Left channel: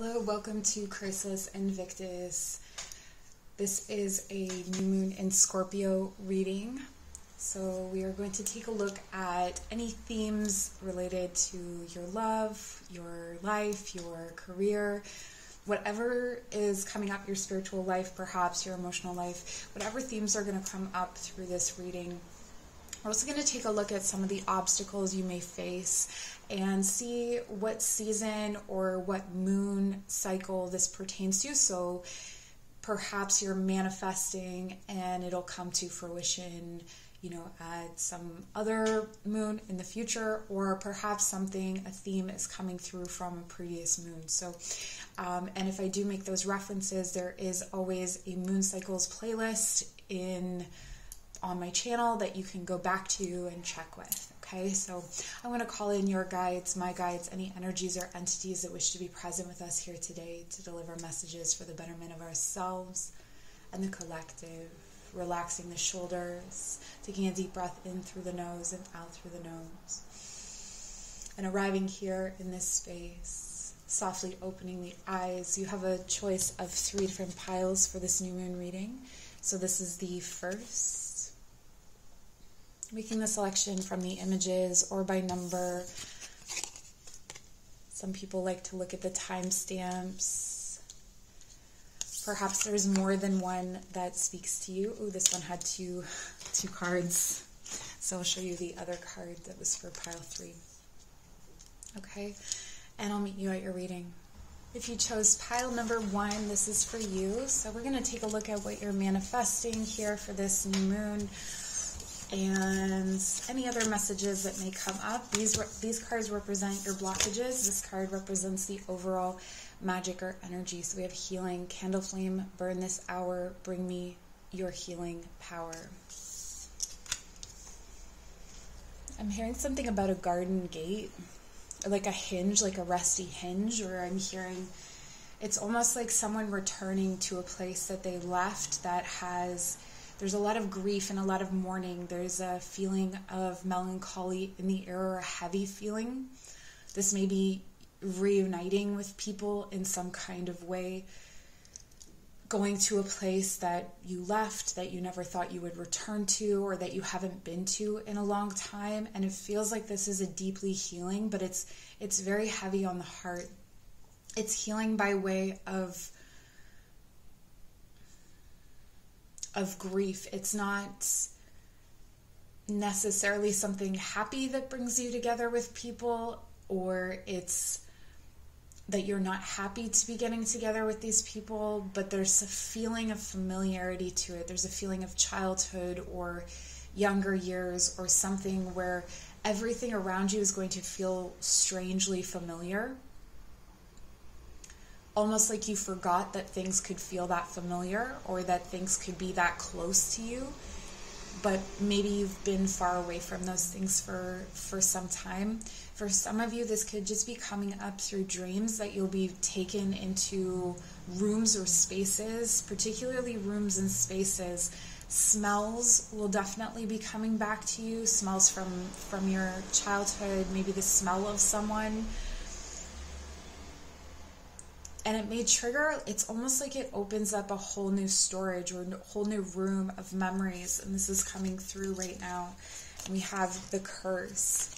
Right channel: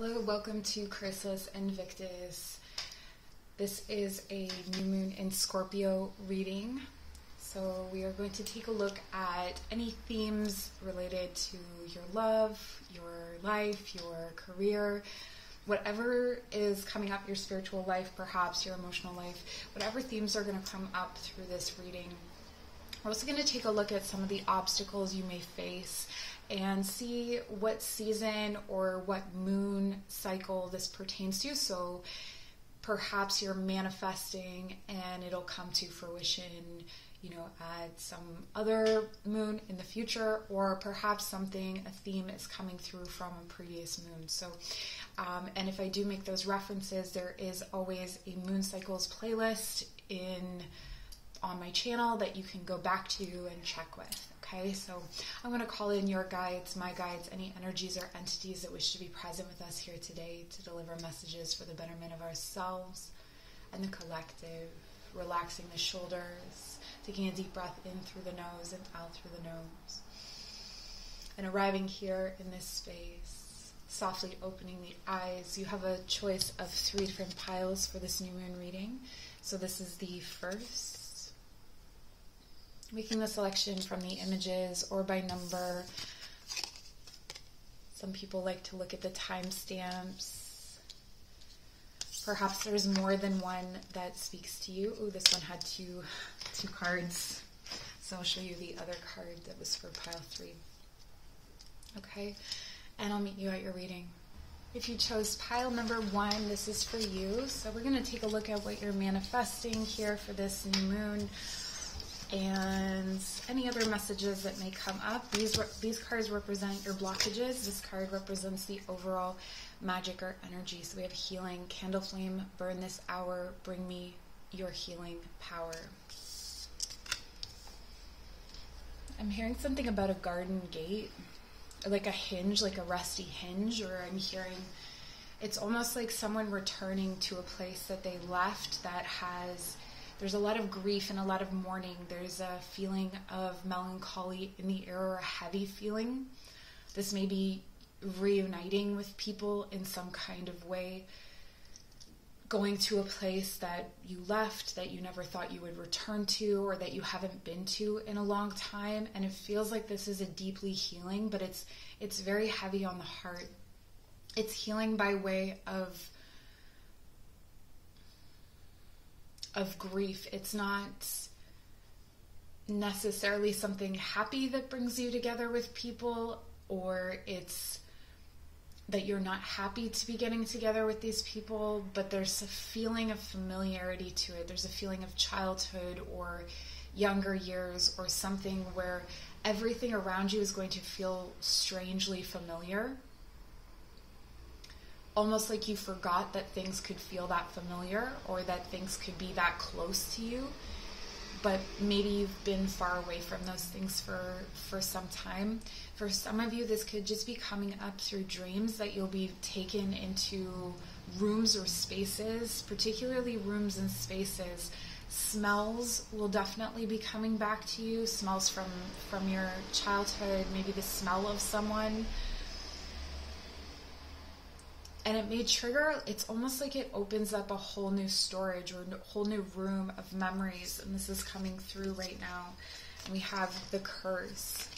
Hello, welcome to Chrysis Invictus. This is a new moon in Scorpio reading. So we are going to take a look at any themes related to your love, your life, your career, whatever is coming up, your spiritual life, perhaps your emotional life, whatever themes are going to come up through this reading. We're also going to take a look at some of the obstacles you may face and see what season or what moon cycle this pertains to. So perhaps you're manifesting and it'll come to fruition, at some other moon in the future, or perhaps a theme is coming through from a previous moon. So, and if I do make those references, there is always a moon cycles playlist on my channel that you can go back to and check with. Okay, so I'm going to call in your guides, my guides, any energies or entities that wish to be present with us here today to deliver messages for the betterment of ourselves and the collective. Relaxing the shoulders, taking a deep breath in through the nose and out through the nose. And arriving here in this space, softly opening the eyes. You have a choice of 3 different piles for this new moon reading. So this is the first. Making the selection from the images or by number. Some people like to look at the timestamps. Perhaps there's more than one that speaks to you. Oh, this one had two cards. So I'll show you the other card that was for pile 3. Okay, and I'll meet you at your reading. If you chose pile number 1, this is for you. So we're going to take a look at what you're manifesting here for this new moon and any other messages that may come up. These cards represent your blockages. This card represents the overall magic or energy. So we have healing, candle flame, burn this hour, bring me your healing power. I'm hearing something about a garden gate, like a hinge, like a rusty hinge, or I'm hearing it's almost like someone returning to a place that they left there's a lot of grief and a lot of mourning. There's a feeling of melancholy in the air, or a heavy feeling. This may be reuniting with people in some kind of way, going to a place that you left, that you never thought you would return to, or that you haven't been to in a long time. And it feels like this is a deeply healing, but it's very heavy on the heart. It's healing by way of grief. It's not necessarily something happy that brings you together with people, or it's that you're not happy to be getting together with these people, but there's a feeling of familiarity to it. There's a feeling of childhood or younger years, or something where everything around you is going to feel strangely familiar. Almost like you forgot that things could feel that familiar, or that things could be that close to you. But maybe you've been far away from those things for some time. For some of you, this could just be coming up through dreams, that you'll be taken into rooms or spaces, particularly rooms and spaces. Smells will definitely be coming back to you, smells from your childhood, maybe the smell of someone. And it may trigger, it's almost like it opens up a whole new storage or a whole new room of memories. And this is coming through right now. And we have the curse.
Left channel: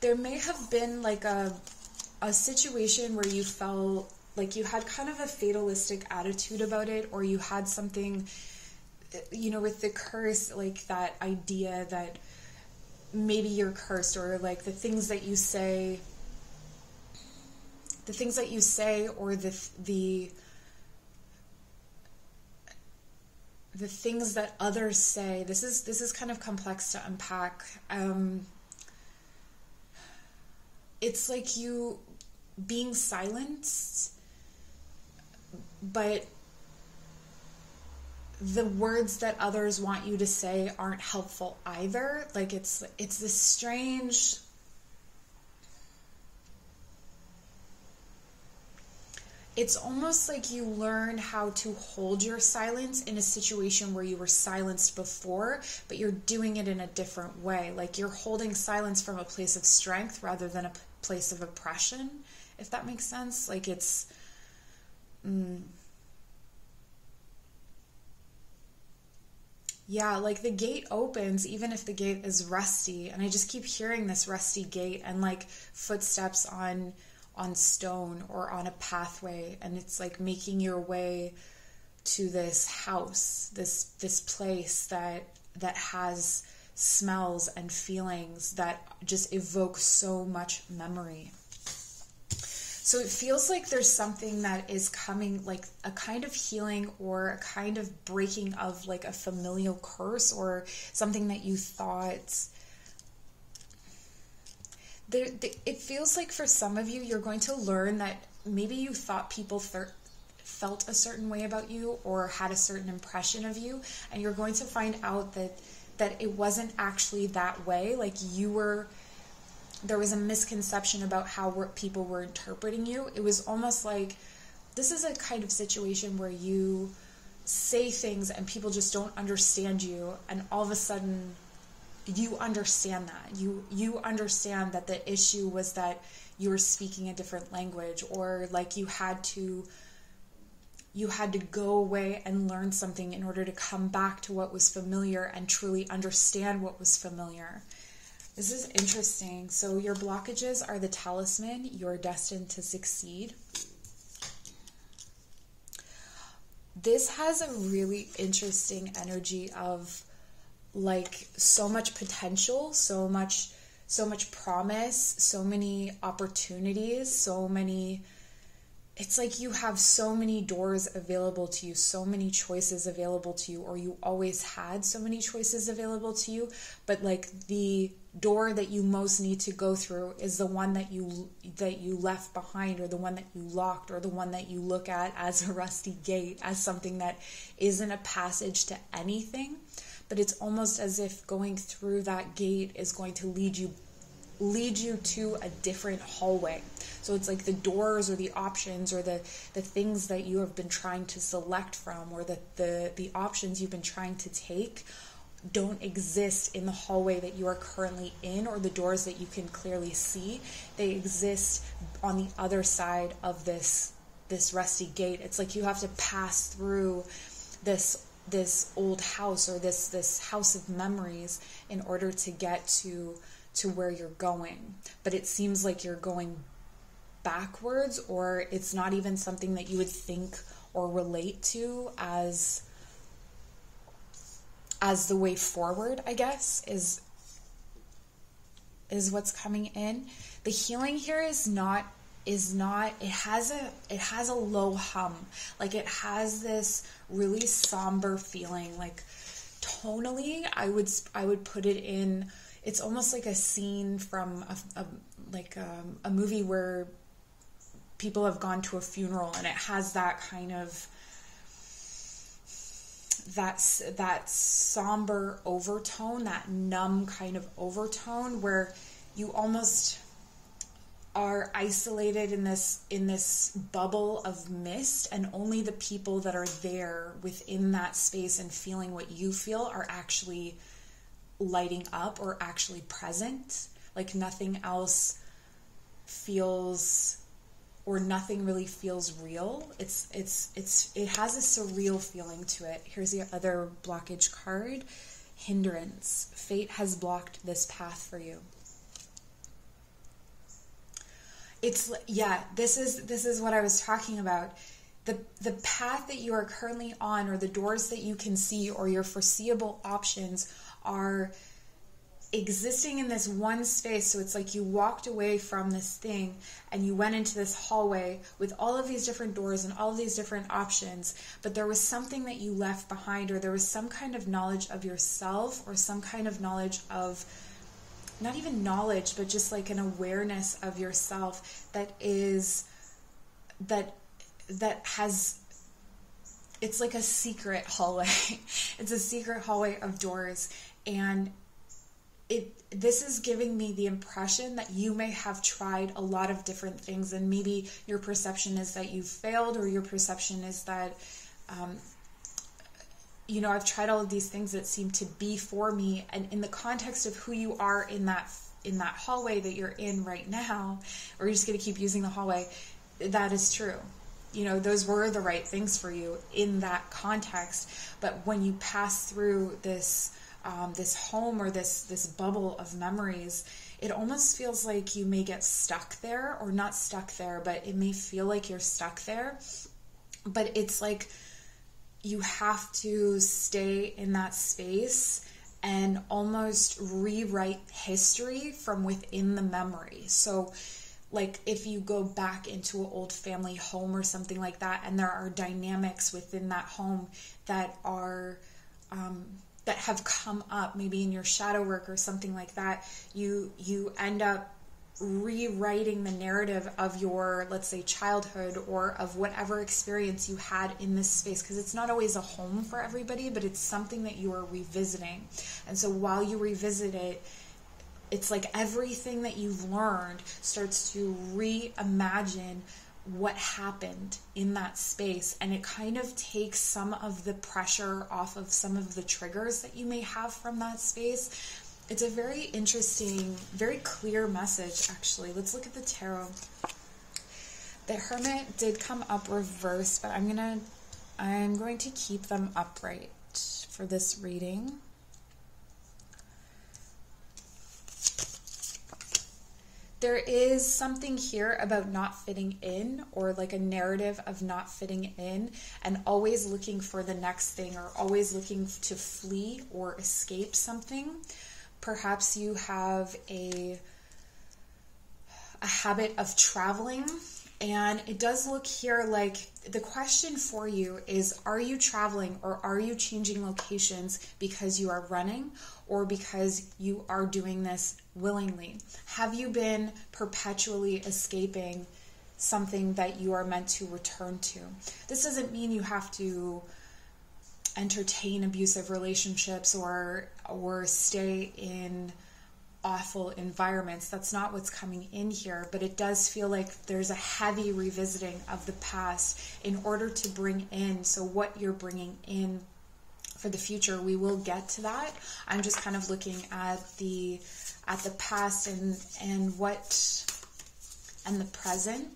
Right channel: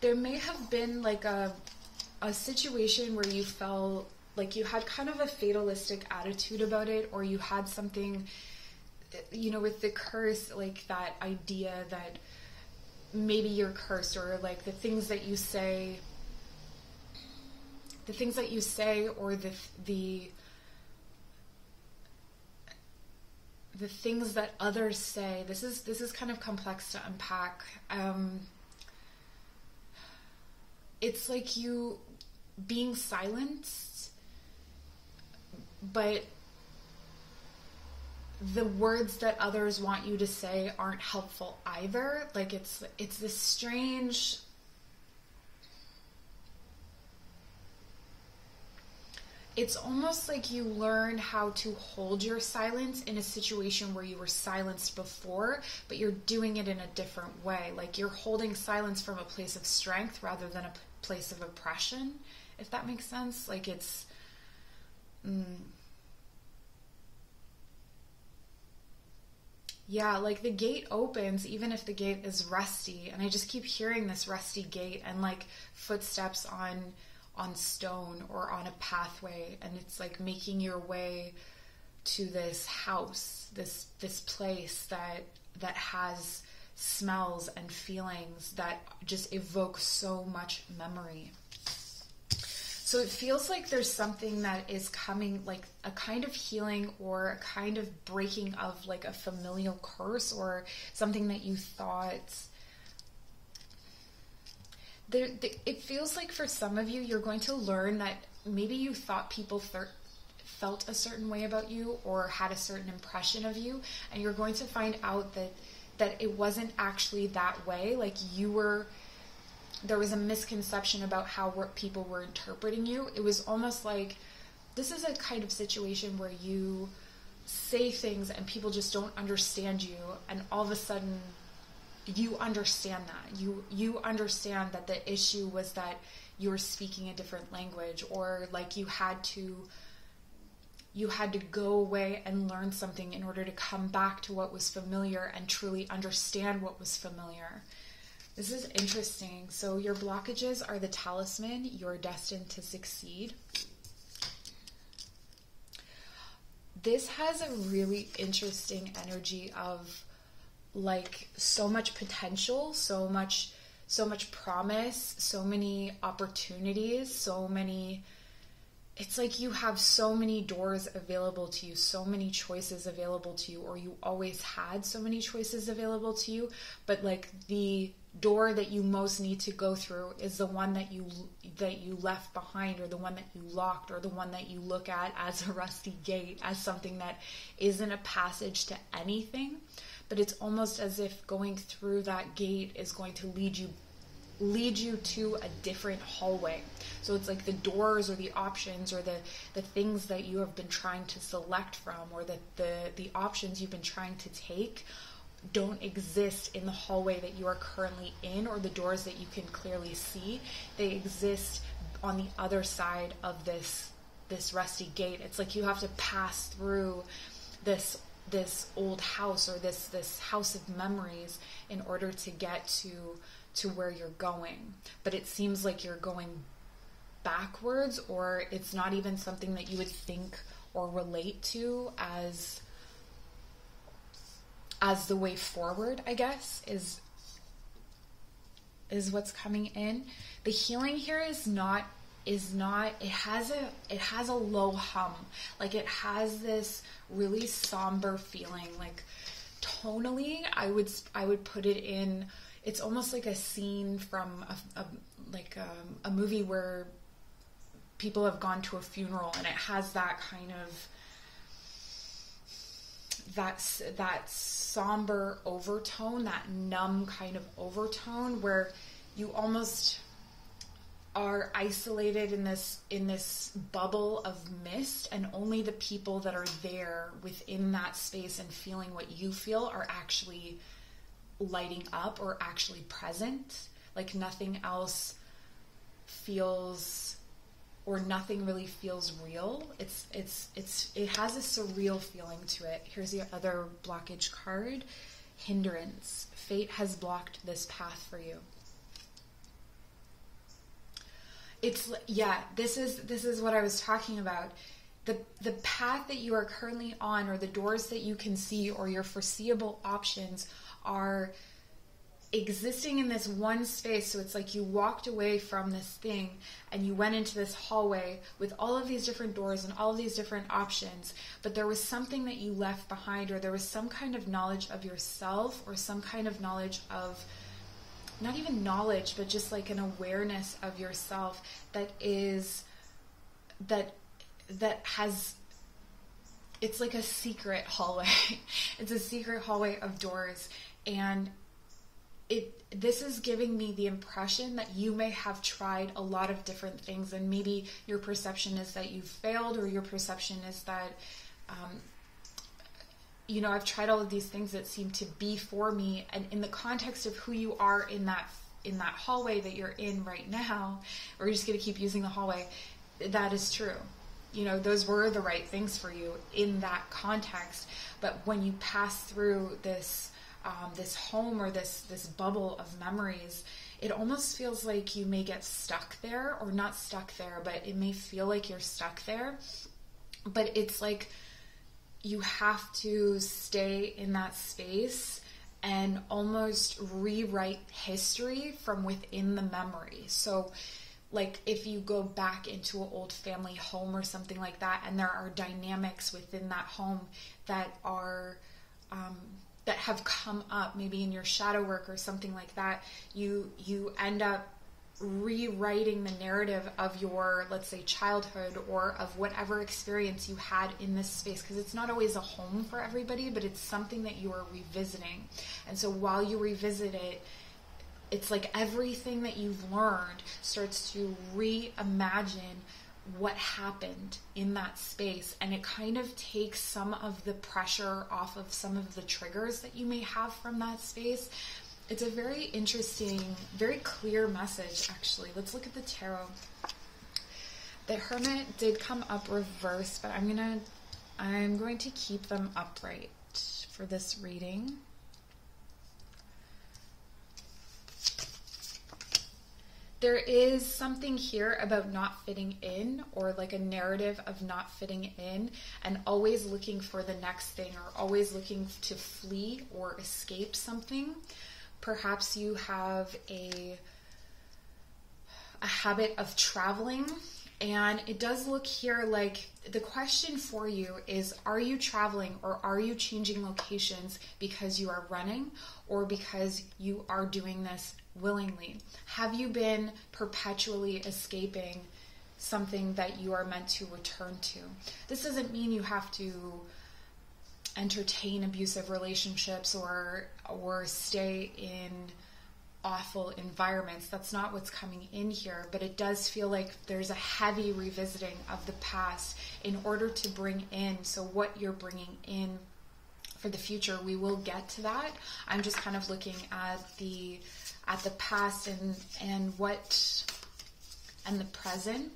There may have been like a situation where you felt like you had kind of a fatalistic attitude about it, or you had something, with the curse, like that idea that maybe you're cursed, or like the things that you say, or the things that others say. This is kind of complex to unpack. It's like you being silenced, but the words that others want you to say aren't helpful either. Like it's this strange, it's almost like you learn how to hold your silence in a situation where you were silenced before, but you're doing it in a different way. Like you're holding silence from a place of strength rather than place of oppression, if that makes sense. Like it's yeah, like the gate opens even if the gate is rusty, and I just keep hearing this rusty gate and like footsteps on stone or on a pathway, and it's like making your way to this house, this place that has smells and feelings that just evoke so much memory. So it feels like there's something that is coming, like a kind of healing or a kind of breaking of like a familial curse or something that you thought. It feels like for some of you, you're going to learn that maybe you thought people felt a certain way about you or had a certain impression of you, and you're going to find out that it wasn't actually that way. Like there was a misconception about how people were interpreting you. It was almost like this is a kind of situation where you say things and people just don't understand you, and all of a sudden you understand that. You understand that the issue was that you were speaking a different language, or like you had to go away and learn something in order to come back to what was familiar and truly understand what was familiar. This is interesting. So your blockages are the talisman. You're destined to succeed. This has a really interesting energy of like so much potential, so much promise, so many opportunities, it's like you have so many doors available to you, so many choices available to you, or you always had so many choices available to you, but like the door that you most need to go through is the one that you left behind, or the one that you locked, or the one that you look at as a rusty gate, as something that isn't a passage to anything, but it's almost as if going through that gate is going to lead you to a different hallway. So it's like the doors or the options or the things that you have been trying to select from, or the options you've been trying to take don't exist in the hallway that you are currently in, or the doors that you can clearly see. They exist on the other side of this rusty gate. It's like you have to pass through this old house, or this house of memories, in order to get to where you're going. But it seems like you're going backwards, or it's not even something that you would think or relate to as the way forward, I guess, is what's coming in. The healing here is not it has a low hum. Like it has this really somber feeling. Like tonally, I would put it in, it's almost like a scene from a movie where people have gone to a funeral, and it has that kind of that somber overtone, that numb kind of overtone, where you almost are isolated in this bubble of mist, and only the people that are there within that space and feeling what you feel are actually lighting up or actually present. Like nothing else feels, or nothing really feels real. It has a surreal feeling to it. Here's the other blockage card. Hindrance. Fate has blocked this path for you. This is what I was talking about. The path that you are currently on, or the doors that you can see, or your foreseeable options are existing in this one space. So it's like you walked away from this thing and you went into this hallway with all of these different doors and all of these different options, but there was something that you left behind, or there was some kind of knowledge of yourself, or some kind of knowledge of, not even knowledge, but just like an awareness of yourself that has, it's like a secret hallway. It's a secret hallway of doors, and this is giving me the impression that you may have tried a lot of different things, and maybe your perception is that you've failed, or your perception is that, I've tried all of these things that seem to be for me, and in the context of who you are in that hallway that you're in right now, or you're just going to keep using the hallway, that is true. You know, those were the right things for you in that context. But when you pass through this this home or this bubble of memories, it almost feels like you may get stuck there, or not stuck there, but it may feel like you're stuck there. But it's like you have to stay in that space and almost rewrite history from within the memory. So like if you go back into an old family home or something like that, and there are dynamics within that home that are that have come up maybe in your shadow work or something like that, you end up rewriting the narrative of your, let's say, childhood, or of whatever experience you had in this space, because it's not always a home for everybody, but it's something that you are revisiting. And so while you revisit it, it's like everything that you've learned starts to reimagine what happened in that space, and it kind of takes some of the pressure off of some of the triggers that you may have from that space. It's a very interesting, very clear message, actually. Let's look at the tarot. The Hermit did come up reversed, but I'm going to keep them upright for this reading. There is something here about not fitting in, or like a narrative of not fitting in, and always looking for the next thing, or always looking to flee or escape something. Perhaps you have a habit of traveling, and it does look here like the question for you is, are you traveling or are you changing locations because you are running, or because you are doing this willingly? Have you been perpetually escaping something that you are meant to return to? This doesn't mean you have to entertain abusive relationships or stay in awful environments. That's not what's coming in here, but it does feel like there's a heavy revisiting of the past in order to bring in, so what you're bringing in for the future. We will get to that. I'm just kind of looking at the past and the present.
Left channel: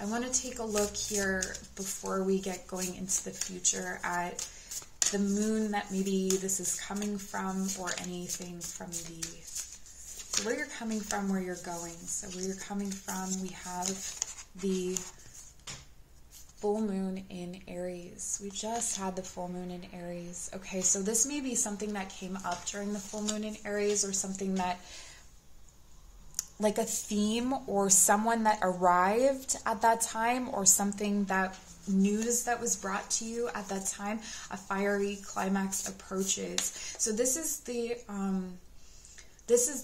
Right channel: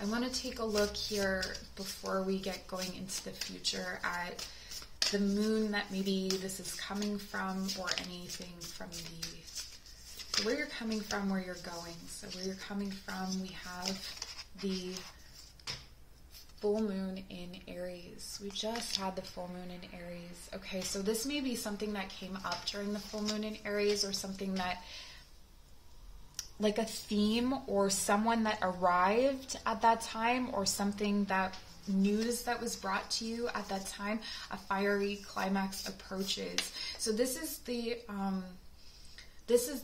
I want to take a look here before we get going into the future at the moon that maybe this is coming from, or anything from so where you're coming from, where you're going. So where you're coming from, we have the full moon in Aries. We just had the full moon in Aries. Okay, so this may be something that came up during the full moon in Aries, or something that, like a theme, or someone that arrived at that time, or something that news that was brought to you at that time. A fiery climax approaches. So this is the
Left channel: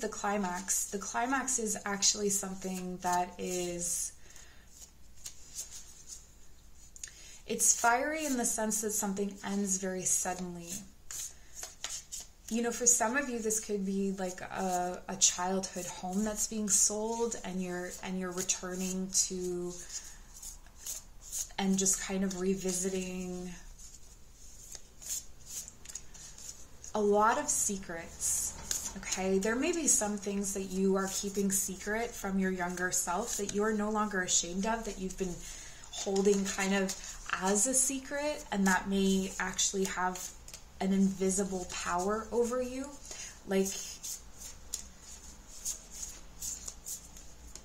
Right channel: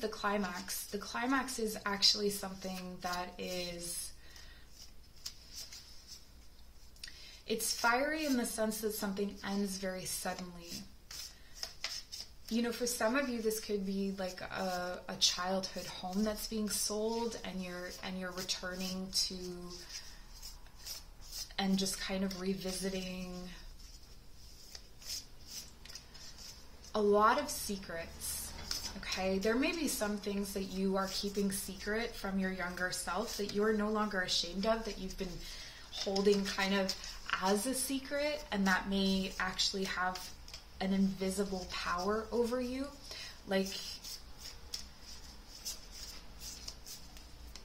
climax. The climax is actually something that is, it's fiery in the sense that something ends very suddenly. You know, for some of you, this could be like a childhood home that's being sold, and you're returning to, and just kind of revisiting a lot of secrets. Okay, there may be some things that you are keeping secret from your younger self that you are no longer ashamed of, that you've been holding kind of as a secret, and that may actually have an invisible power over you. Like,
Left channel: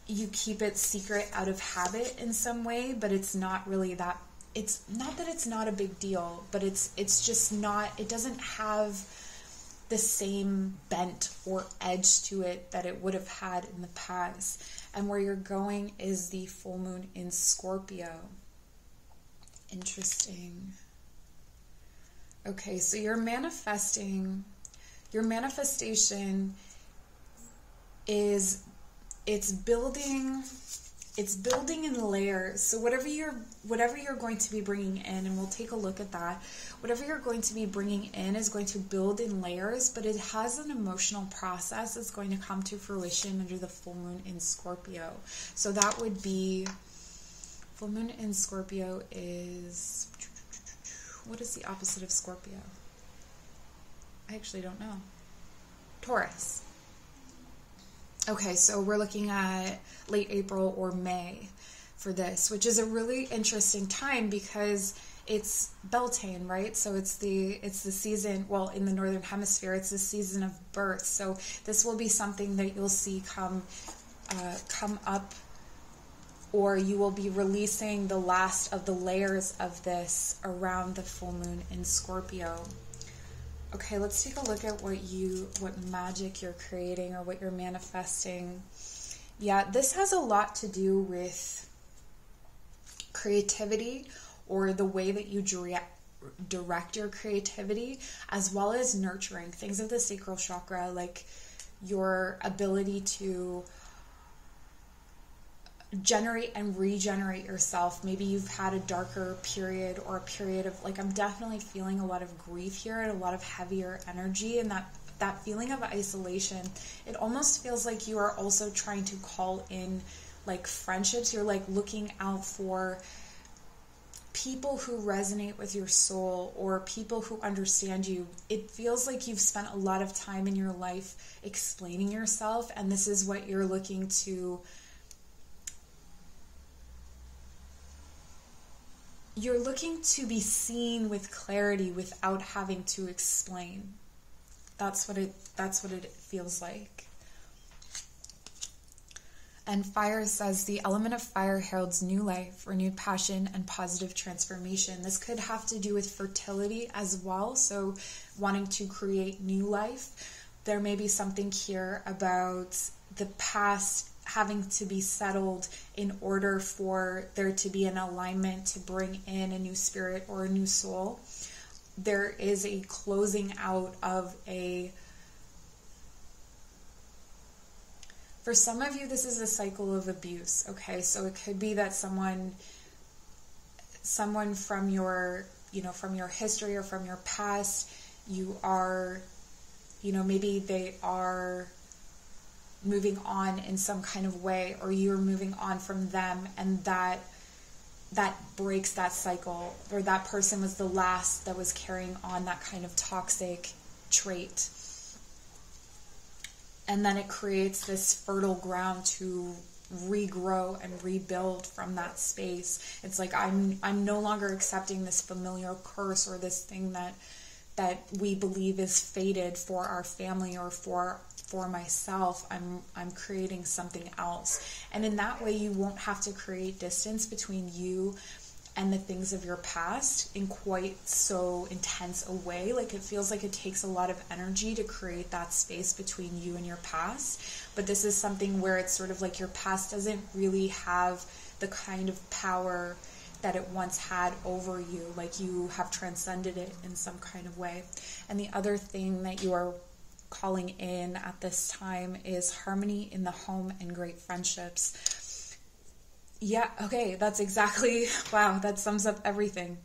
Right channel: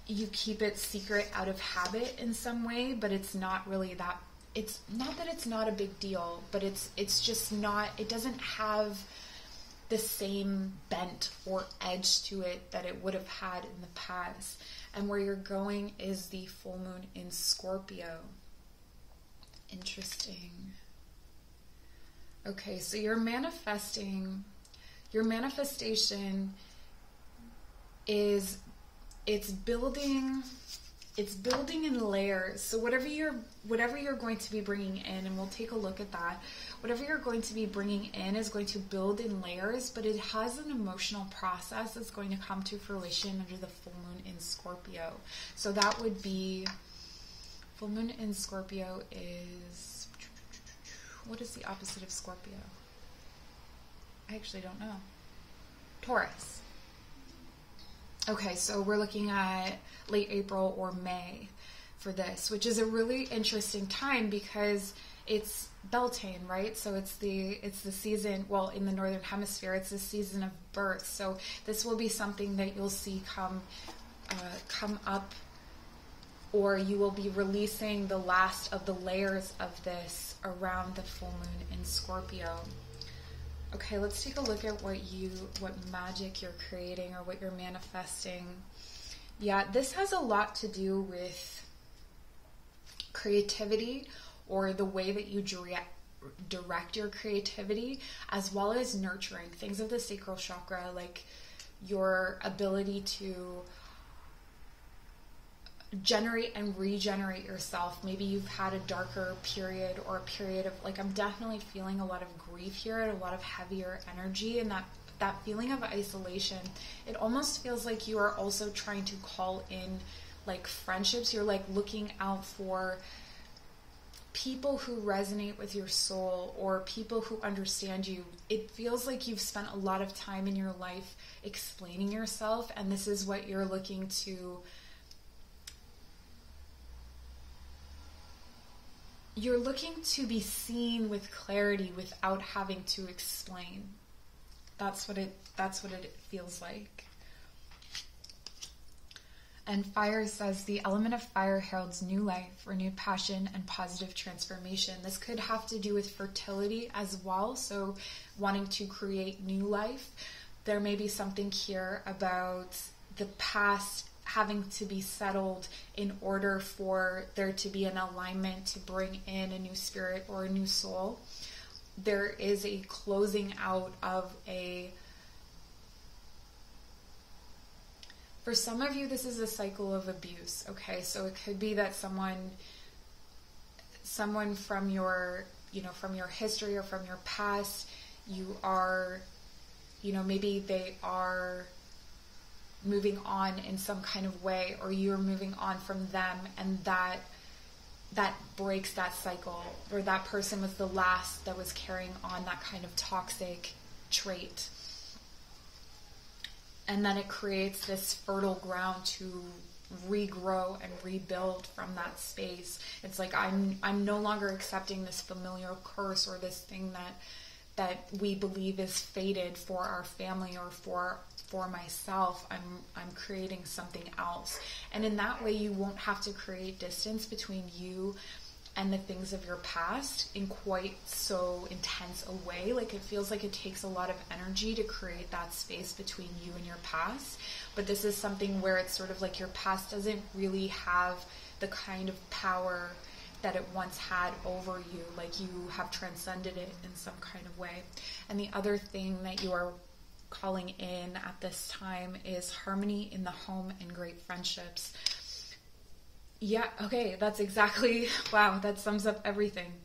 you keep it secret out of habit in some way, but it's not really that, it's not that it's not a big deal, but it's just not, it doesn't have the same bent or edge to it that it would have had in the past. And where you're going is the full moon in Scorpio. Interesting. Okay, so your manifestation is, it's building in layers. So whatever you're going to be bringing in, and we'll take a look at that, whatever you're going to be bringing in is going to build in layers, but it has an emotional process that's going to come to fruition under the full moon in Scorpio. So that would be, full moon in Scorpio is, what is the opposite of Scorpio? I actually don't know. Taurus. Okay, so we're looking at late April or May for this, which is a really interesting time because it's Beltane, right? So it's the season, well, in the Northern Hemisphere, it's the season of birth. So this will be something that you'll see come up, or you will be releasing the last of the layers of this around the full moon in Scorpio. Okay, let's take a look at what magic you're creating or what you're manifesting. Yeah, this has a lot to do with creativity, or the way that you direct your creativity, as well as nurturing things of the sacral chakra, like your ability to generate and regenerate yourself. Maybe you've had a darker period, or a period of, like, I'm definitely feeling a lot of grief here and a lot of heavier energy, and that feeling of isolation. It almost feels like you are also trying to call in, like, friendships. You're like looking out for people who resonate with your soul, or people who understand you. It feels like you've spent a lot of time in your life explaining yourself, and this is what you're looking to. You're looking to be seen with clarity without having to explain. That's what it feels like. And fire says the element of fire heralds new life, renewed passion, and positive transformation. This could have to do with fertility as well. So wanting to create new life. There may be something here about the past having to be settled in order for there to be an alignment to bring in a new spirit or a new soul. There is a closing out of for some of you, this is a cycle of abuse, okay? So it could be that someone from your, from your history or from your past, you are, maybe they are moving on in some kind of way, or you're moving on from them, and that breaks that cycle, or that person was the last that was carrying on that kind of toxic trait. And then it creates this fertile ground to regrow and rebuild from that space. It's like, I'm no longer accepting this familiar curse, or this thing that we believe is fated for our family or for myself. I'm creating something else. And in that way, you won't have to create distance between you and the things of your past in quite so intense a way. Like, it feels like it takes a lot of energy to create that space between you and your past. But this is something where it's sort of like your past doesn't really have the kind of power that it once had over you. Like, you have transcended it in some kind of way. And the other thing that you are calling in at this time is harmony in the home and great friendships. Yeah, okay, that's exactly, wow, that sums up everything.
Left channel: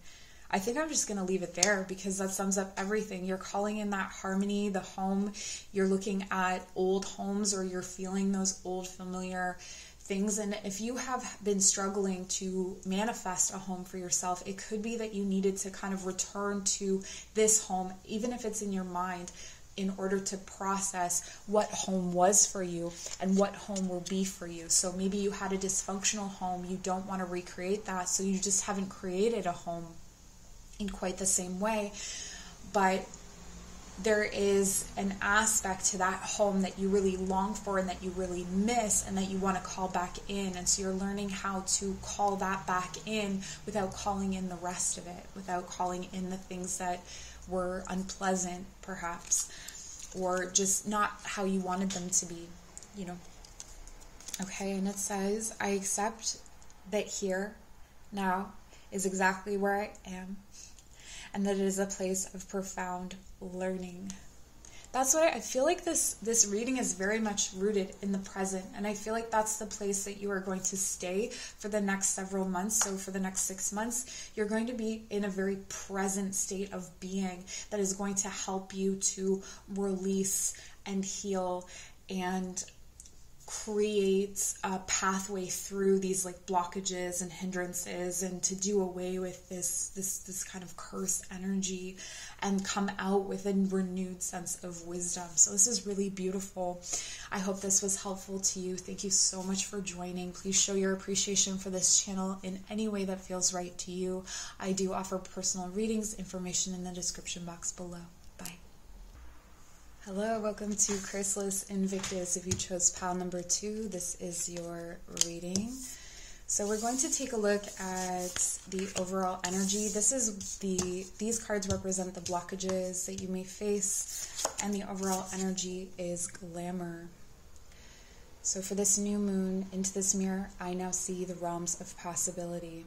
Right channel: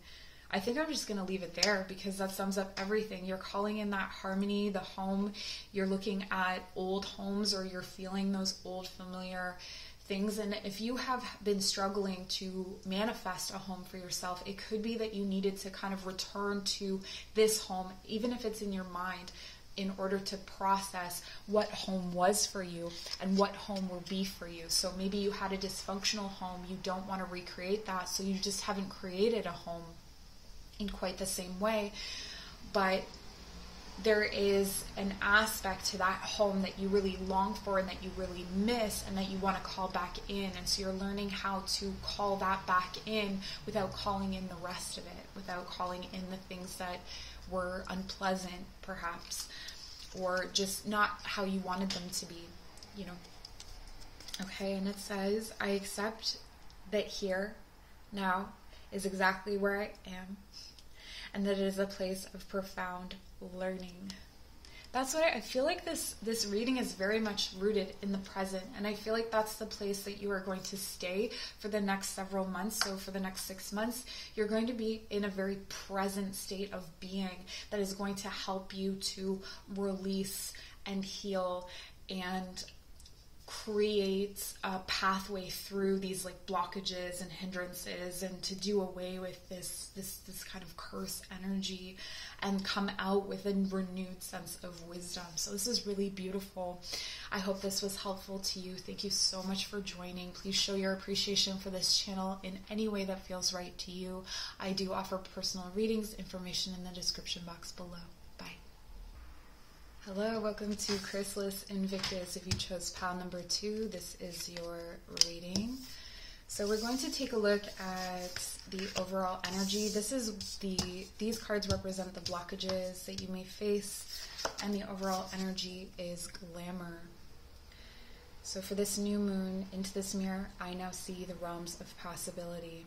I think I'm just going to leave it there, because that sums up everything. You're calling in that harmony, the home. You're looking at old homes, or you're feeling those old familiar things. And if you have been struggling to manifest a home for yourself, it could be that you needed to kind of return to this home, even if it's in your mind, in order to process what home was for you and what home will be for you. So maybe you had a dysfunctional home, you don't want to recreate that, so you just haven't created a home in quite the same way. But there is an aspect to that home that you really long for and that you really miss and that you want to call back in. And so you're learning how to call that back in without calling in the rest of it, without calling in the things that were unpleasant, perhaps, or just not how you wanted them to be, Okay, and it says, I accept that here, now, is exactly where I am, and that it is a place of profound learning. That's what I feel like this reading is very much rooted in the present, and I feel like that's the place that you are going to stay for the next several months. So for the next 6 months, you're going to be in a very present state of being that is going to help you to release and heal and create a pathway through these like blockages and hindrances, and to do away with this kind of curse energy and come out with a renewed sense of wisdom. So this is really beautiful. I hope this was helpful to you. Thank you so much for joining. Please show your appreciation for this channel in any way that feels right to you. I do offer personal readings, information in the description box below. Hello, welcome to Chrysalis Invictus. If you chose pile number 2, this is your reading. So we're going to take a look at the overall energy. These cards represent the blockages that you may face, and the overall energy is glamour. So for this new moon, into this mirror, I now see the realms of possibility.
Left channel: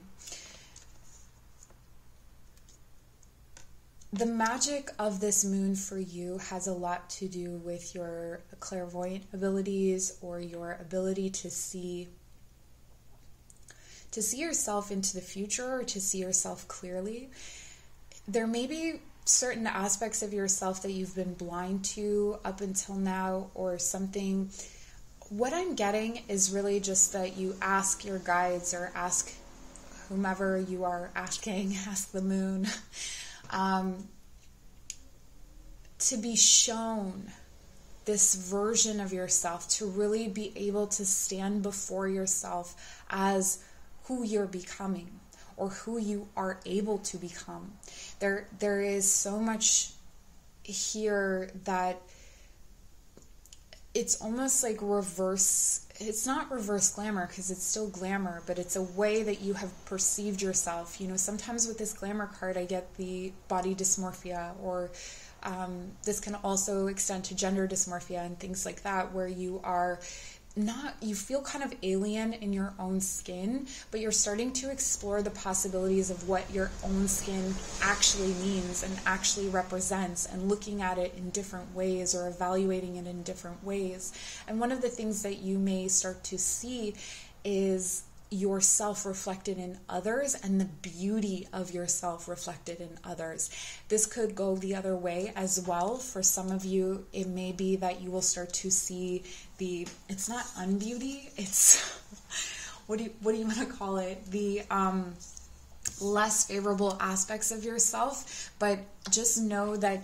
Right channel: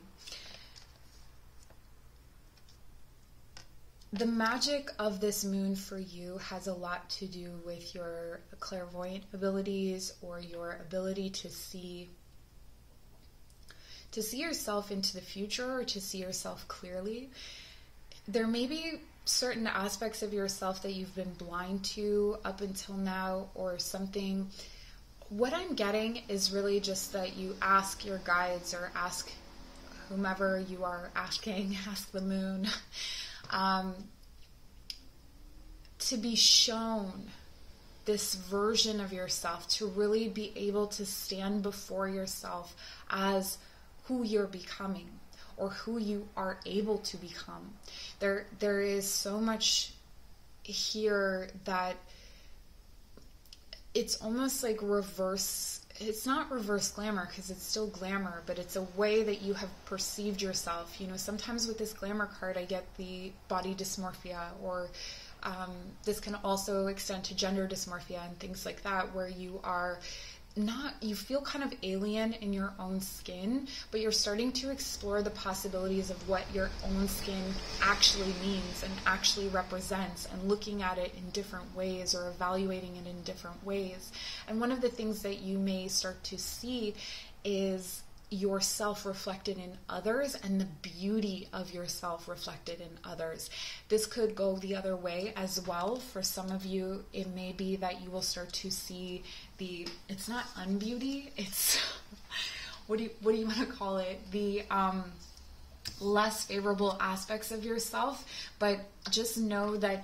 The magic of this moon for you has a lot to do with your clairvoyant abilities, or your ability to see yourself into the future, or to see yourself clearly. There may be certain aspects of yourself that you've been blind to up until now, or something. What I'm getting is really just that you ask your guides, or ask whomever you are asking, ask the moon, to be shown this version of yourself, to really be able to stand before yourself as who you're becoming, or who you are able to become. There is so much here that it's almost like reverse. It's not reverse glamour, because it's still glamour, but it's a way that you have perceived yourself. You know, sometimes with this glamour card, I get the body dysmorphia, or this can also extend to gender dysmorphia and things like that, where you feel kind of alien in your own skin, but you're starting to explore the possibilities of what your own skin actually means and actually represents, and looking at it in different ways, or evaluating it in different ways. And one of the things that you may start to see is yourself reflected in others, and the beauty of yourself reflected in others. This could go the other way as well. For some of you, it may be that you will start to see it's not unbeauty, it's, what do you want to call it? The less favorable aspects of yourself. But just know that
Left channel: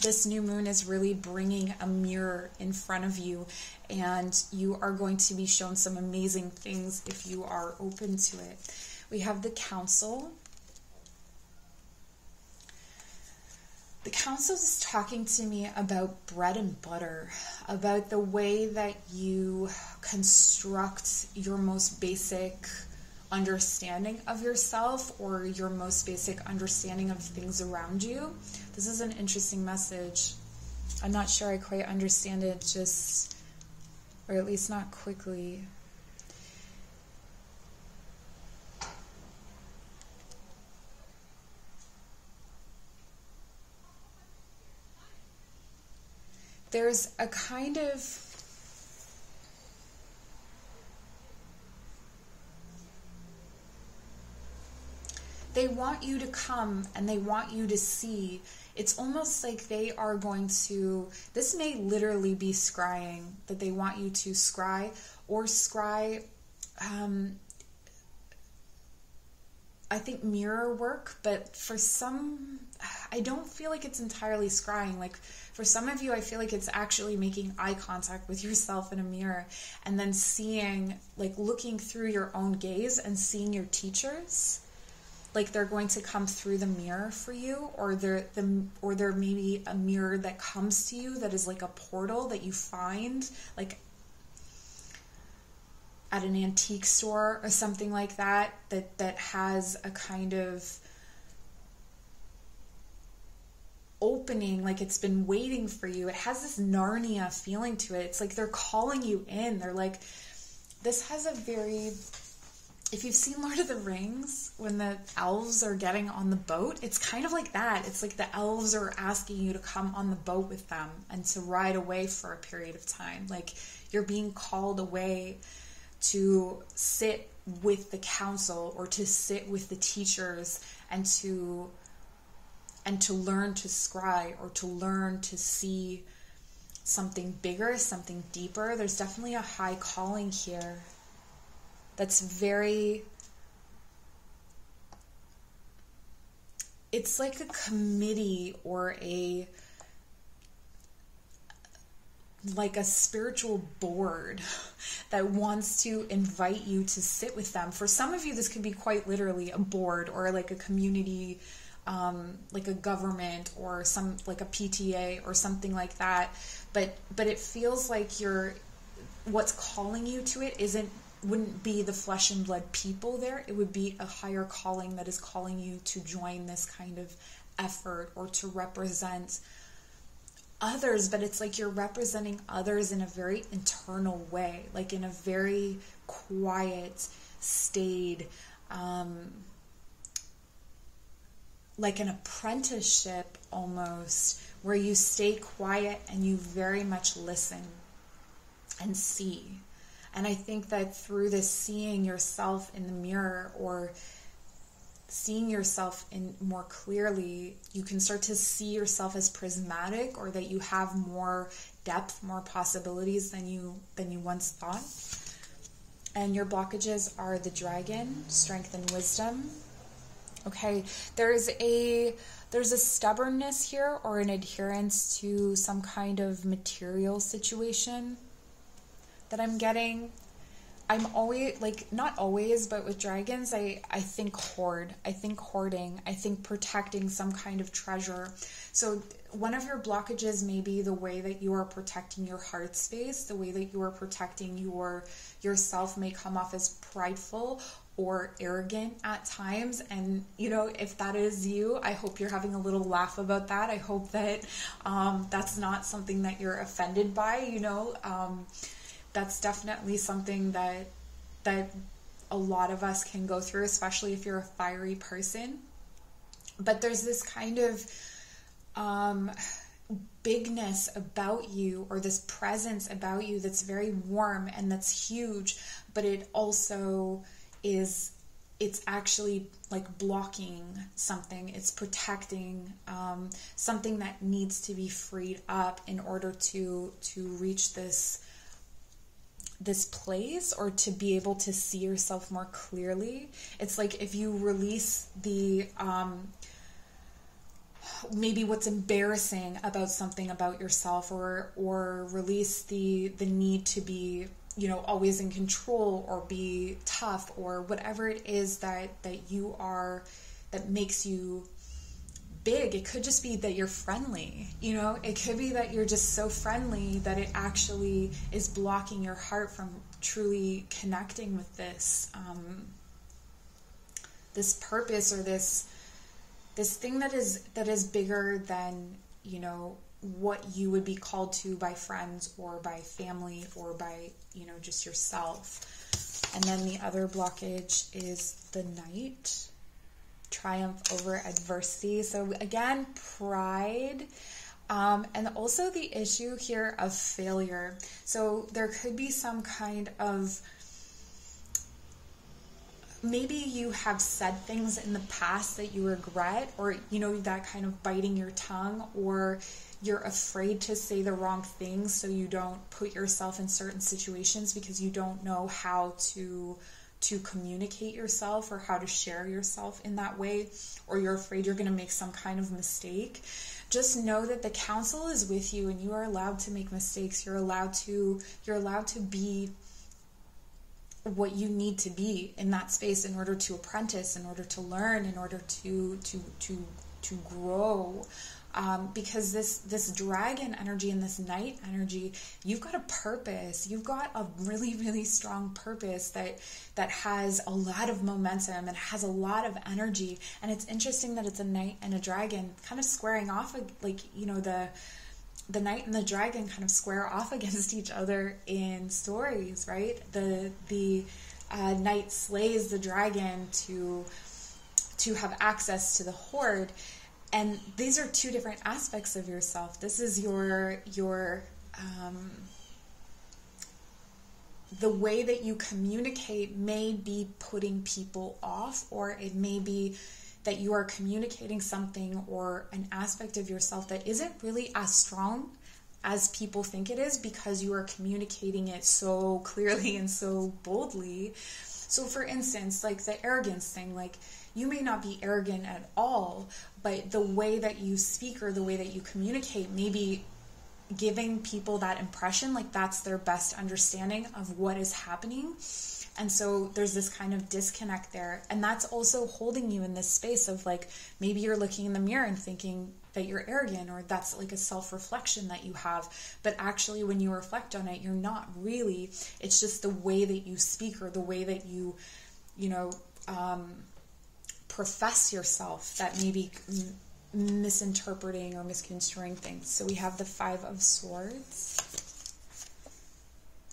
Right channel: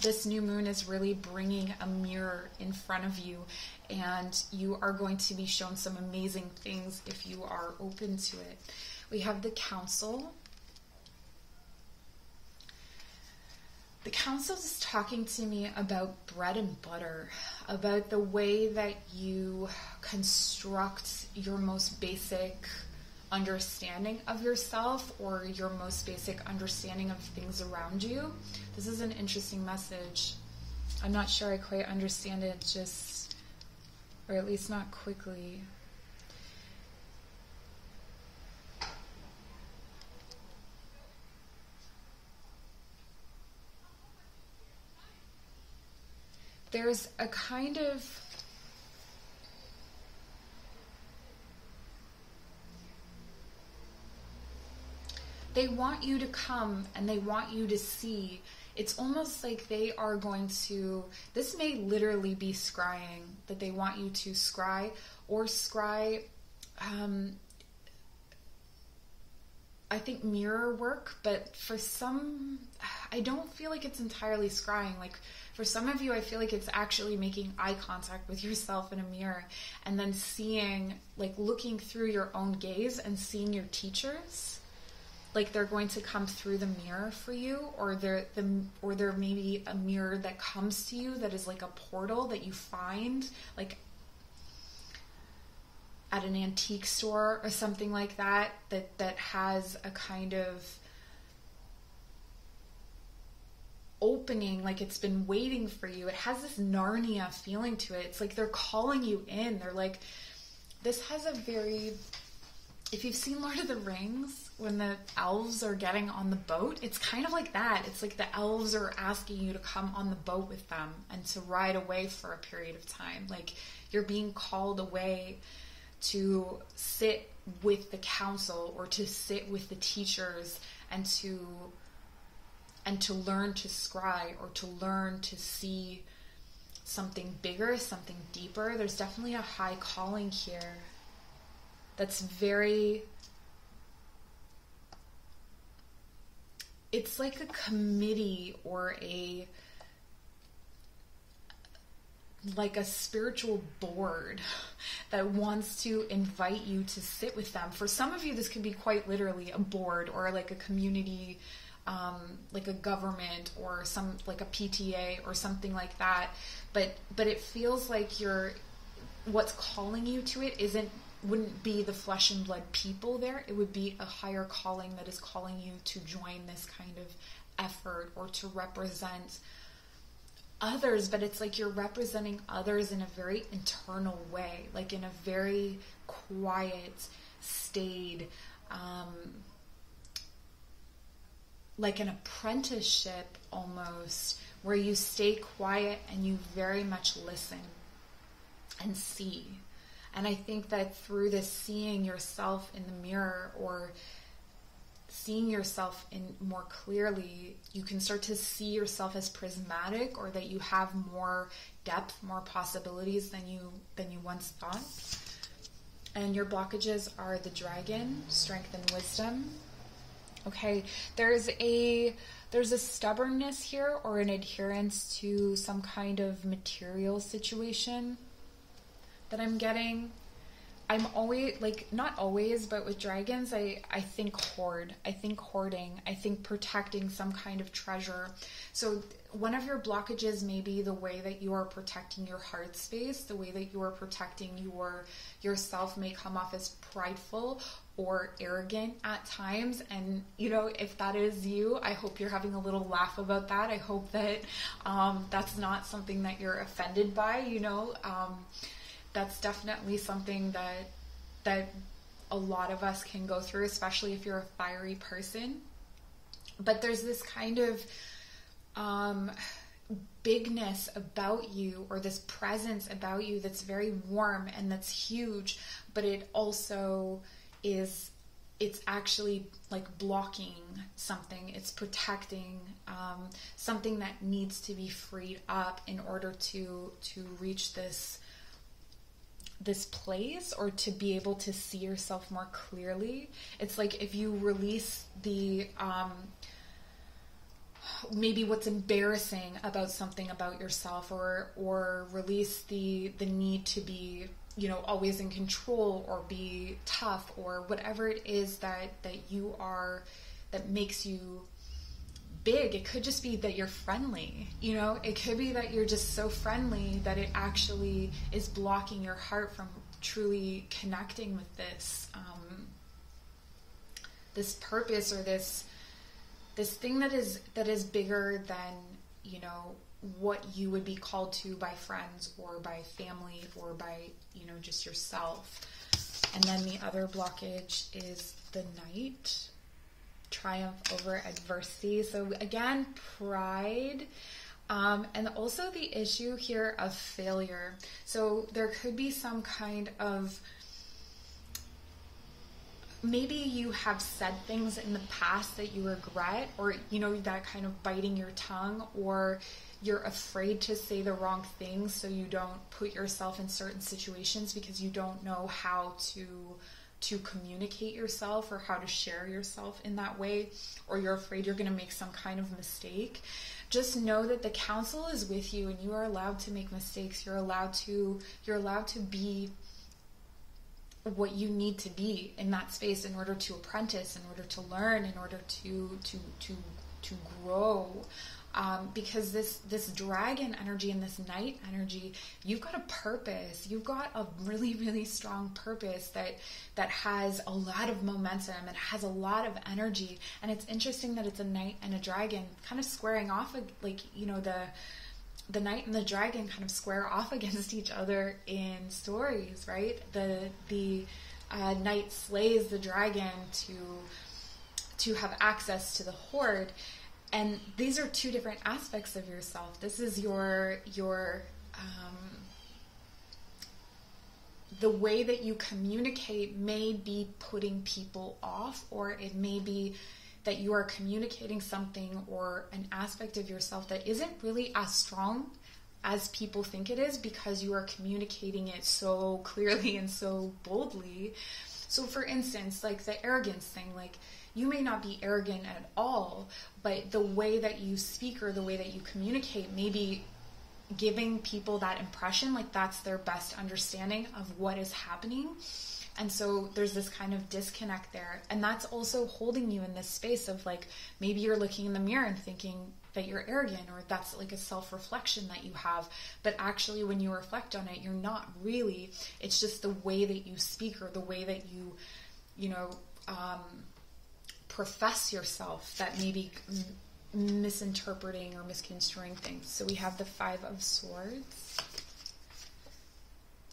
this new moon is really bringing a mirror in front of you, and you are going to be shown some amazing things if you are open to it. We have the Council. The Council is talking to me about bread and butter, about the way that you construct your most basic understanding of yourself, or your most basic understanding of things around you. This is an interesting message. I'm not sure I quite understand it, or at least not quickly. There's a kind of they want you to come, and they want you to see. It's almost like they are going to, this may literally be scrying, that they want you to scry, or scry, I think mirror work, but for some, I don't feel like it's entirely scrying. Like for some of you, I feel like it's actually making eye contact with yourself in a mirror, and then seeing, like looking through your own gaze and seeing your teachers. Like they're going to come through the mirror for you, or there may be a mirror that comes to you that is like a portal that you find, like at an antique store or something like that, that has a kind of opening, like it's been waiting for you. It has this Narnia feeling to it. It's like they're calling you in. They're like, this has a very... If you've seen Lord of the Rings, when the elves are getting on the boat, it's kind of like that. It's like the elves are asking you to come on the boat with them and to ride away for a period of time. Like you're being called away to sit with the council, or to sit with the teachers, and to learn to scry, or to learn to see something bigger, something deeper. There's definitely a high calling here that's very, it's like a committee or like a spiritual board that wants to invite you to sit with them. For some of you, this could be quite literally a board or like a community, like a government or some like a PTA or something like that. But it feels like what's calling you to it wouldn't be the flesh and blood people there. It would be a higher calling that is calling you to join this kind of effort or to represent others. But it's like you're representing others in a very internal way, like in a very quiet, staid, like an apprenticeship almost, where you stay quiet and you very much listen and see. And I think that through this seeing yourself in the mirror or seeing yourself in more clearly, you can start to see yourself as prismatic, or that you have more depth, more possibilities than you once thought. And your blockages are the dragon, strength and wisdom. Okay, there's a stubbornness here, or an adherence to some kind of material situation that I'm getting. I'm always, like, not always, but with dragons, I think hoard. I think hoarding. I think protecting some kind of treasure. So one of your blockages may be the way that you are protecting your heart space, the way that you are protecting yourself may come off as prideful or arrogant at times. And, you know, if that is you, I hope you're having a little laugh about that. I hope that that's not something that you're offended by, you know. That's definitely something that a lot of us can go through, especially if you're a fiery person. But there's this kind of bigness about you, or this presence about you that's very warm and that's huge, but it also it's actually like blocking something. It's protecting something that needs to be freed up in order to reach this place, or to be able to see yourself more clearly. It's like if you release the maybe what's embarrassing about something about yourself, or release the need to be, you know, always in control or be tough, or whatever it is that you are, that makes you big. It could just be that you're friendly, you know, it could be that you're just so friendly that it actually is blocking your heart from truly connecting with this this purpose, or this thing that is bigger than, you know, what you would be called to by friends or by family or by, you know, just yourself. And then the other blockage is the Knight, triumph over adversity. So again, pride, and also the issue here of failure. So there could be some kind of, maybe you have said things in the past that you regret, or, you know, that kind of biting your tongue, or you're afraid to say the wrong things, so you don't put yourself in certain situations because you don't know how to communicate yourself or how to share yourself in that way, or you're afraid you're going to make some kind of mistake. Just know that the council is with you, and you are allowed to make mistakes. You're allowed to be what you need to be in that space in order to apprentice, in order to learn, in order to grow. Because this dragon energy and this Knight energy, you've got a purpose. You've got a really, really strong purpose that has a lot of momentum and has a lot of energy. And it's interesting that it's a Knight and a dragon kind of squaring off, like, you know, the Knight and the dragon kind of square off against each other in stories, right? The Knight slays the dragon to have access to the hoard. And these are two different aspects of yourself. This is your the way that you communicate may be putting people off, or it may be that you are communicating something or an aspect of yourself that isn't really as strong as people think it is, because you are communicating it so clearly and so boldly. So for instance, like the arrogance thing, like you may not be arrogant at all, but the way that you speak or the way that you communicate may be giving people that impression, like that's their best understanding of what is happening. And so there's this kind of disconnect there. And that's also holding you in this space of like, maybe you're looking in the mirror and thinking that you're arrogant, or that's like a self-reflection that you have. But actually when you reflect on it, you're not really. It's just the way that you speak or the way that you profess yourself that may be misinterpreting or misconstruing things. So we have the 5 of Swords.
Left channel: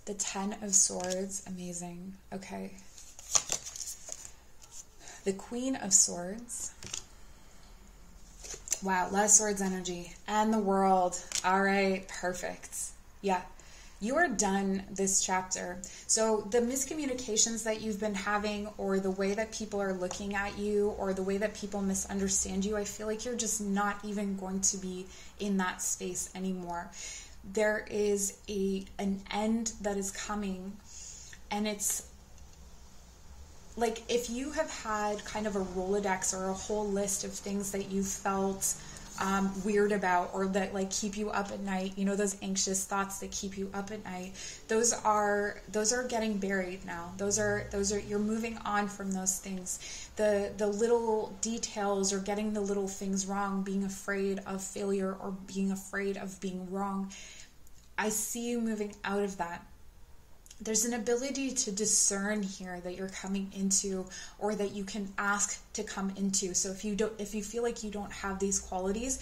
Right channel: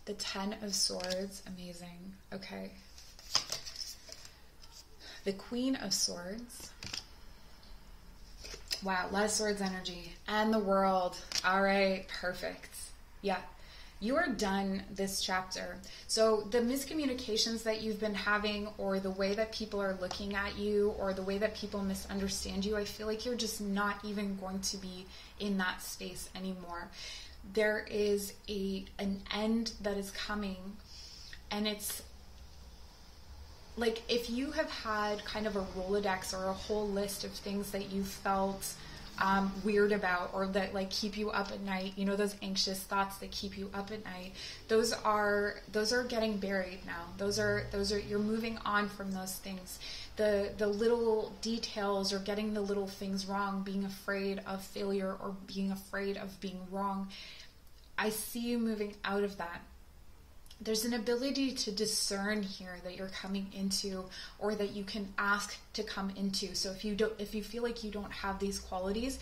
The 10 of Swords, amazing. Okay. The Queen of Swords. Wow, a lot of Swords energy. And the World. All right, perfect. Yeah, you are done this chapter. So the miscommunications that you've been having, or the way that people are looking at you, or the way that people misunderstand you, I feel like you're just not even going to be in that space anymore. There is an end that is coming, and it's like if you have had kind of a Rolodex or a whole list of things that you felt weird about, or that like keep you up at night, you know, those anxious thoughts that keep you up at night, those are getting buried now. Those are you're moving on from those things. The little details, or getting the little things wrong, being afraid of failure or being afraid of being wrong, I see you moving out of that. There's an ability to discern here that you're coming into, or that you can ask to come into. So if you feel like you don't have these qualities,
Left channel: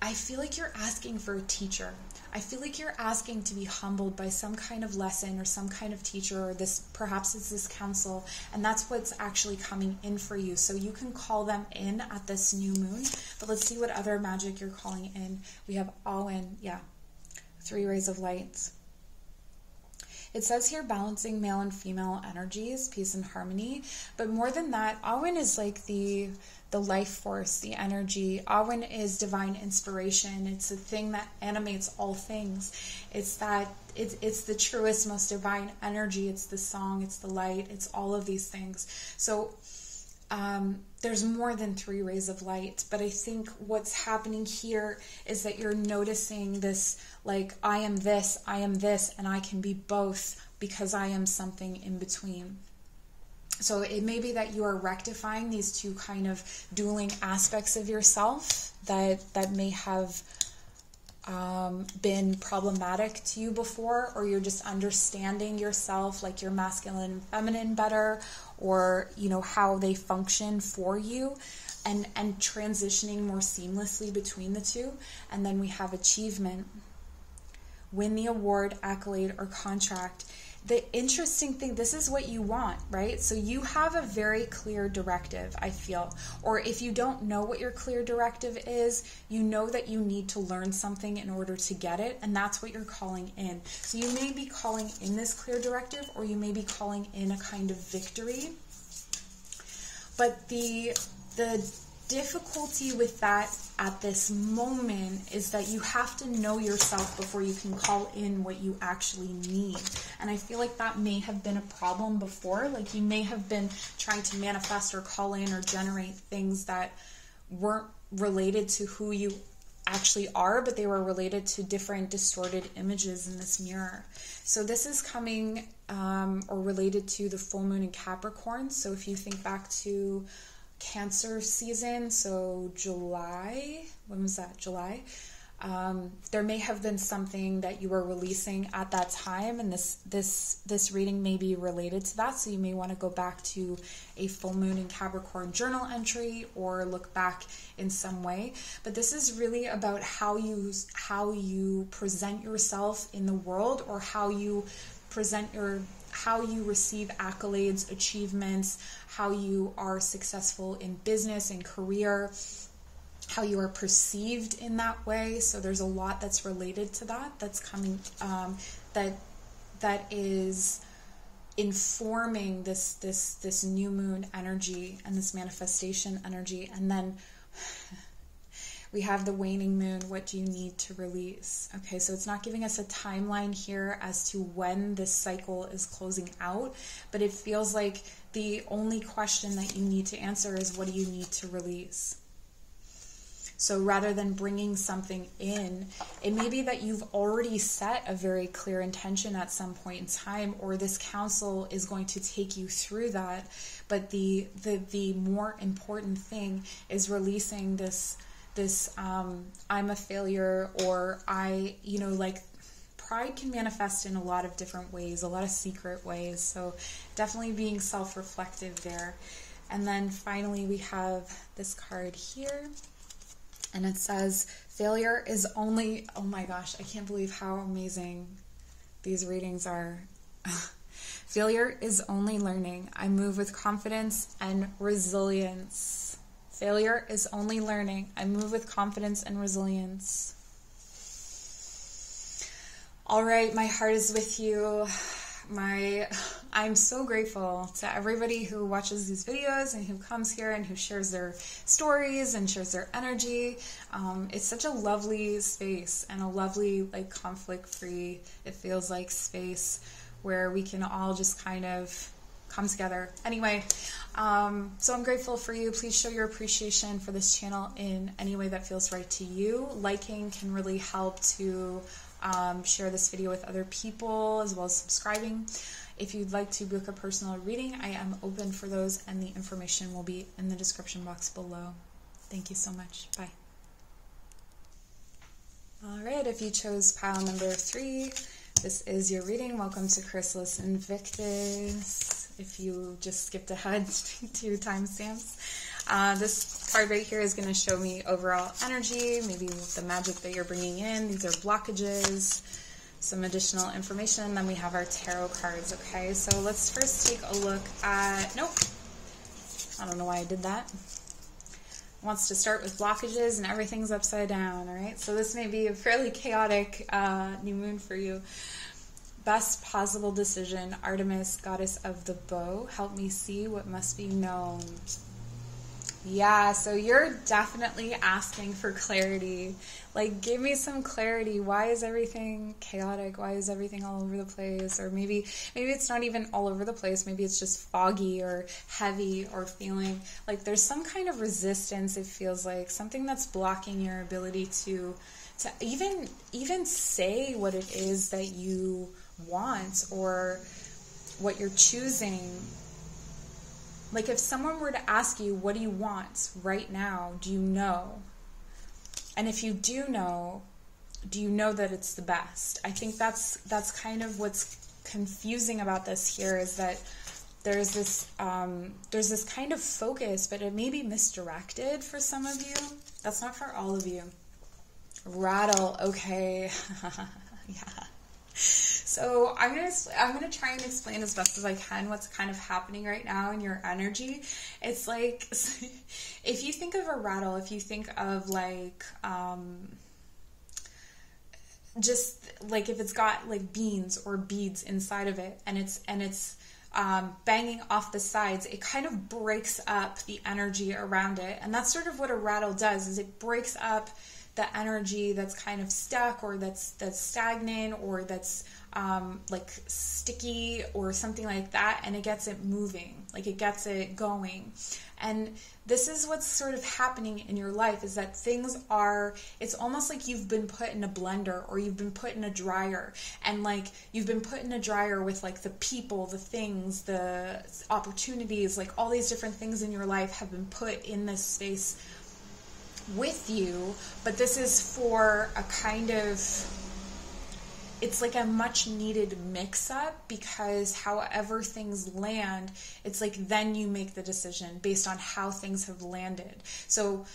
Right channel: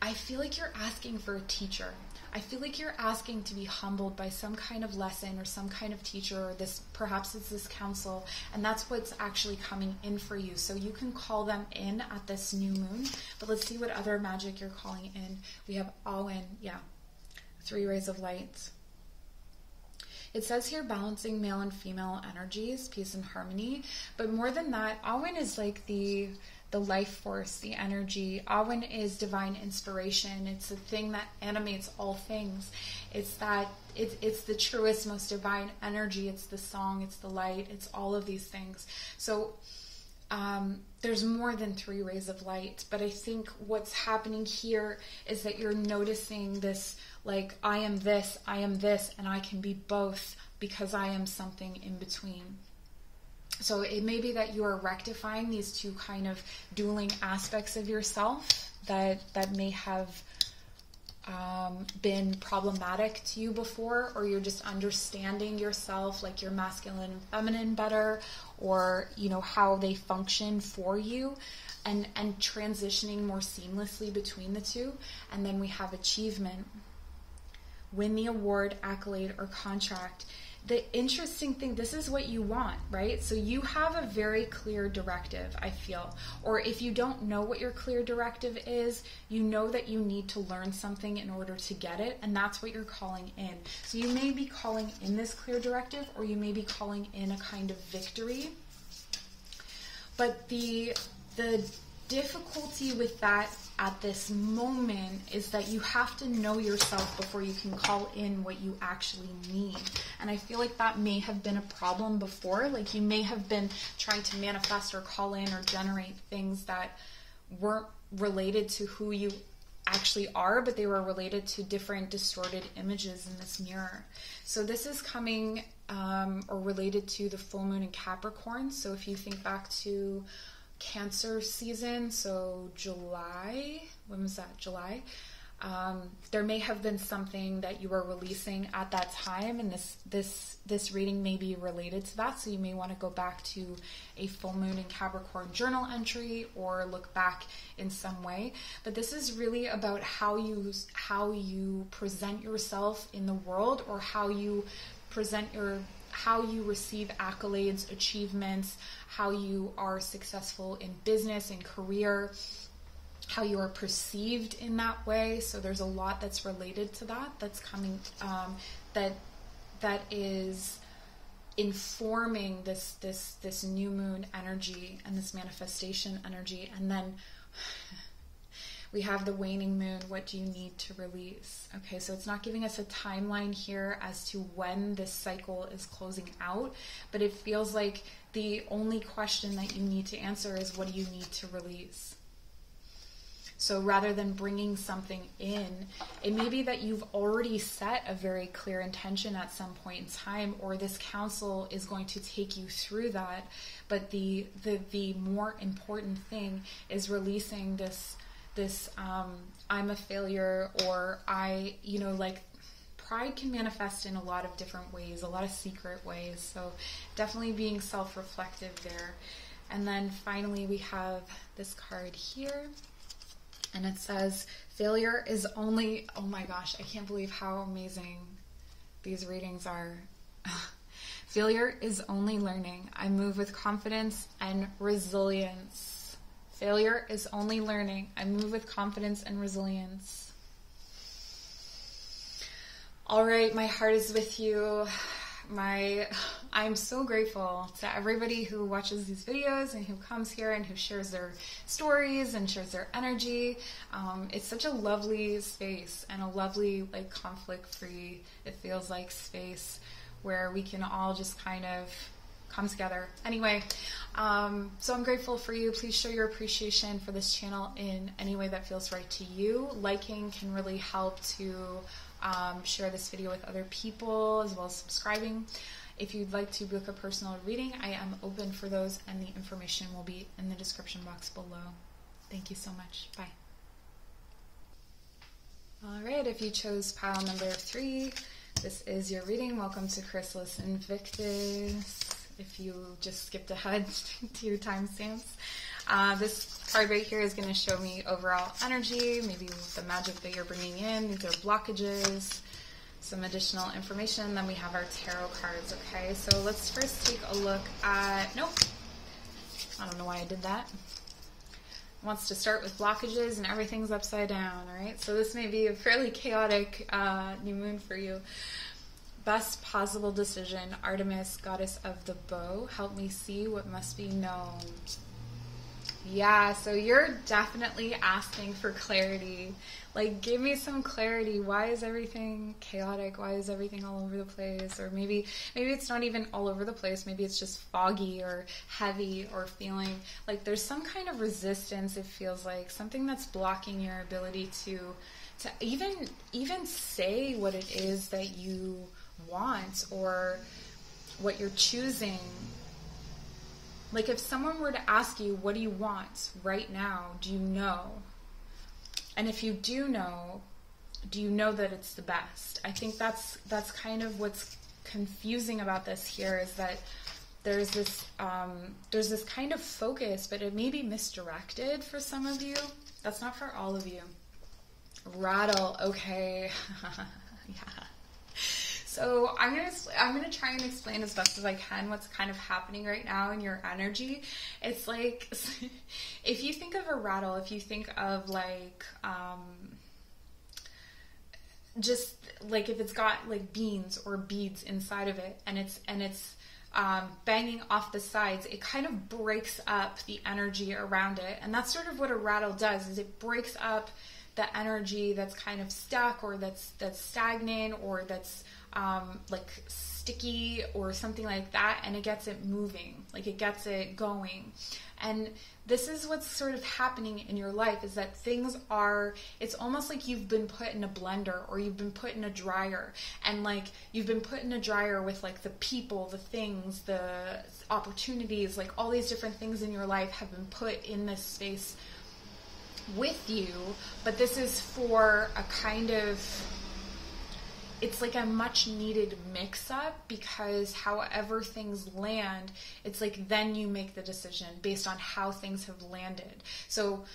I feel like you're asking for a teacher. I feel like you're asking to be humbled by some kind of lesson or some kind of teacher, or perhaps it's this counsel, and that's what's actually coming in for you. So you can call them in at this new moon. But let's see what other magic you're calling in. We have Awen, yeah, 3 rays of light. It says here balancing male and female energies, peace and harmony. But more than that, Awen is like the life force, the energy. Awen is divine inspiration. It's the thing that animates all things. It's the truest, most divine energy. It's the song, it's the light, it's all of these things. So there's more than 3 rays of light, but I think what's happening here is that you're noticing this, like, I am this, and I can be both because I am something in between. So it may be that you are rectifying these two kind of dueling aspects of yourself that may have been problematic to you before, or you're just understanding yourself, like your masculine and feminine better, or you know how they function for you, and transitioning more seamlessly between the two. And then we have achievement, win the award, accolade, or contract. The interesting thing, this is what you want, right? So you have a very clear directive, I feel. Or if you don't know what your clear directive is, you know that you need to learn something in order to get it, and that's what you're calling in. So you may be calling in this clear directive, or you may be calling in a kind of victory. But the difficulty with that at this moment is that you have to know yourself before you can call in what you actually need. And I feel like that may have been a problem before. Like you may have been trying to manifest or call in or generate things that weren't related to who you actually are, but they were related to different distorted images in this mirror. So this is coming or related to the full moon in Capricorn. So if you think back to Cancer season, so July, when was that? July. There may have been something that you were releasing at that time, and this reading may be related to that. So you may want to go back to a full moon in Capricorn journal entry, or look back in some way. But this is really about how you present yourself in the world, or how you receive accolades, achievements, how you are successful in business and career, how you are perceived in that way. So there's a lot that's related to that, that's coming, that is informing this new moon energy and this manifestation energy. And then We have the waning moon. What do you need to release? Okay, so it's not giving us a timeline here as to when this cycle is closing out, but it feels like the only question that you need to answer is, what do you need to release? So rather than bringing something in, it may be that you've already set a very clear intention at some point in time, or this counsel is going to take you through that. But the more important thing is releasing this I'm a failure, or like pride can manifest in a lot of different ways, a lot of secret ways. So definitely being self-reflective there. And then finally we have this card here. And it says, failure is only, oh my gosh, I can't believe how amazing these readings are. Failure is only learning. I move with confidence and resilience. Failure is only learning. I move with confidence and resilience. All right, my heart is with you. I'm so grateful to everybody who watches these videos and who comes here and who shares their stories and shares their energy. It's such a lovely space and a lovely, like, conflict-free, it feels like, space where we can all just kind of come together. Anyway, so I'm grateful for you. Please show your appreciation for this channel in any way that feels right to you. Liking can really help to share this video with other people, as well as subscribing. If you'd like to book a personal reading, I am open for those, and the information will be in the description box below. Thank you so much. Bye. All right, if you chose pile number 3, this is your reading. Welcome to Chrysalis Invictus. If you just skipped ahead 2 timestamps. This card right here is going to show me overall energy, maybe the magic that you're bringing in. These are blockages, some additional information. Then we have our tarot cards, okay? So let's first take a look at, nope, I don't know why I did that. Wants to start with blockages and everything's upside down, all right? So this may be a fairly chaotic new moon for you. Best possible decision, Artemis, goddess of the bow, help me see what must be known. Yeah, so you're definitely asking for clarity. Like, give me some clarity. Why is everything chaotic? Why is everything all over the place? Or maybe it's not even all over the place. Maybe it's just foggy or heavy, or feeling like there's some kind of resistance, it feels like. Something that's blocking your ability to even say what it is that you want or what you're choosing. Like, if someone were to ask you, what do you want right now? Do you know? And if you do know that it's the best? I think that's kind of what's confusing about this here, is that there's this kind of focus, but it may be misdirected for some of you. That's not for all of you. Rattle, okay. Yeah. So I'm gonna try and explain as best as I can what's kind of happening right now in your energy. It's like, if you think of a rattle, if you think of like just like if it's got like beans or beads inside of it, and it's banging off the sides, it kind of breaks up the energy around it. And that's sort of what a rattle does, is it breaks up the energy that's kind of stuck, or that's stagnant, or that's like sticky or something like that, and it gets it moving, like it gets it going. And this is what's sort of happening in your life, is that things are, it's almost like you've been put in a blender, or you've been put in a dryer, and like you've been put in a dryer with like the people, the things, the opportunities, like all these different things in your life have been put in this space with you. But this is for a kind of, it's like a much needed mix up, because however things land, it's like then you make the decision based on how things have landed. So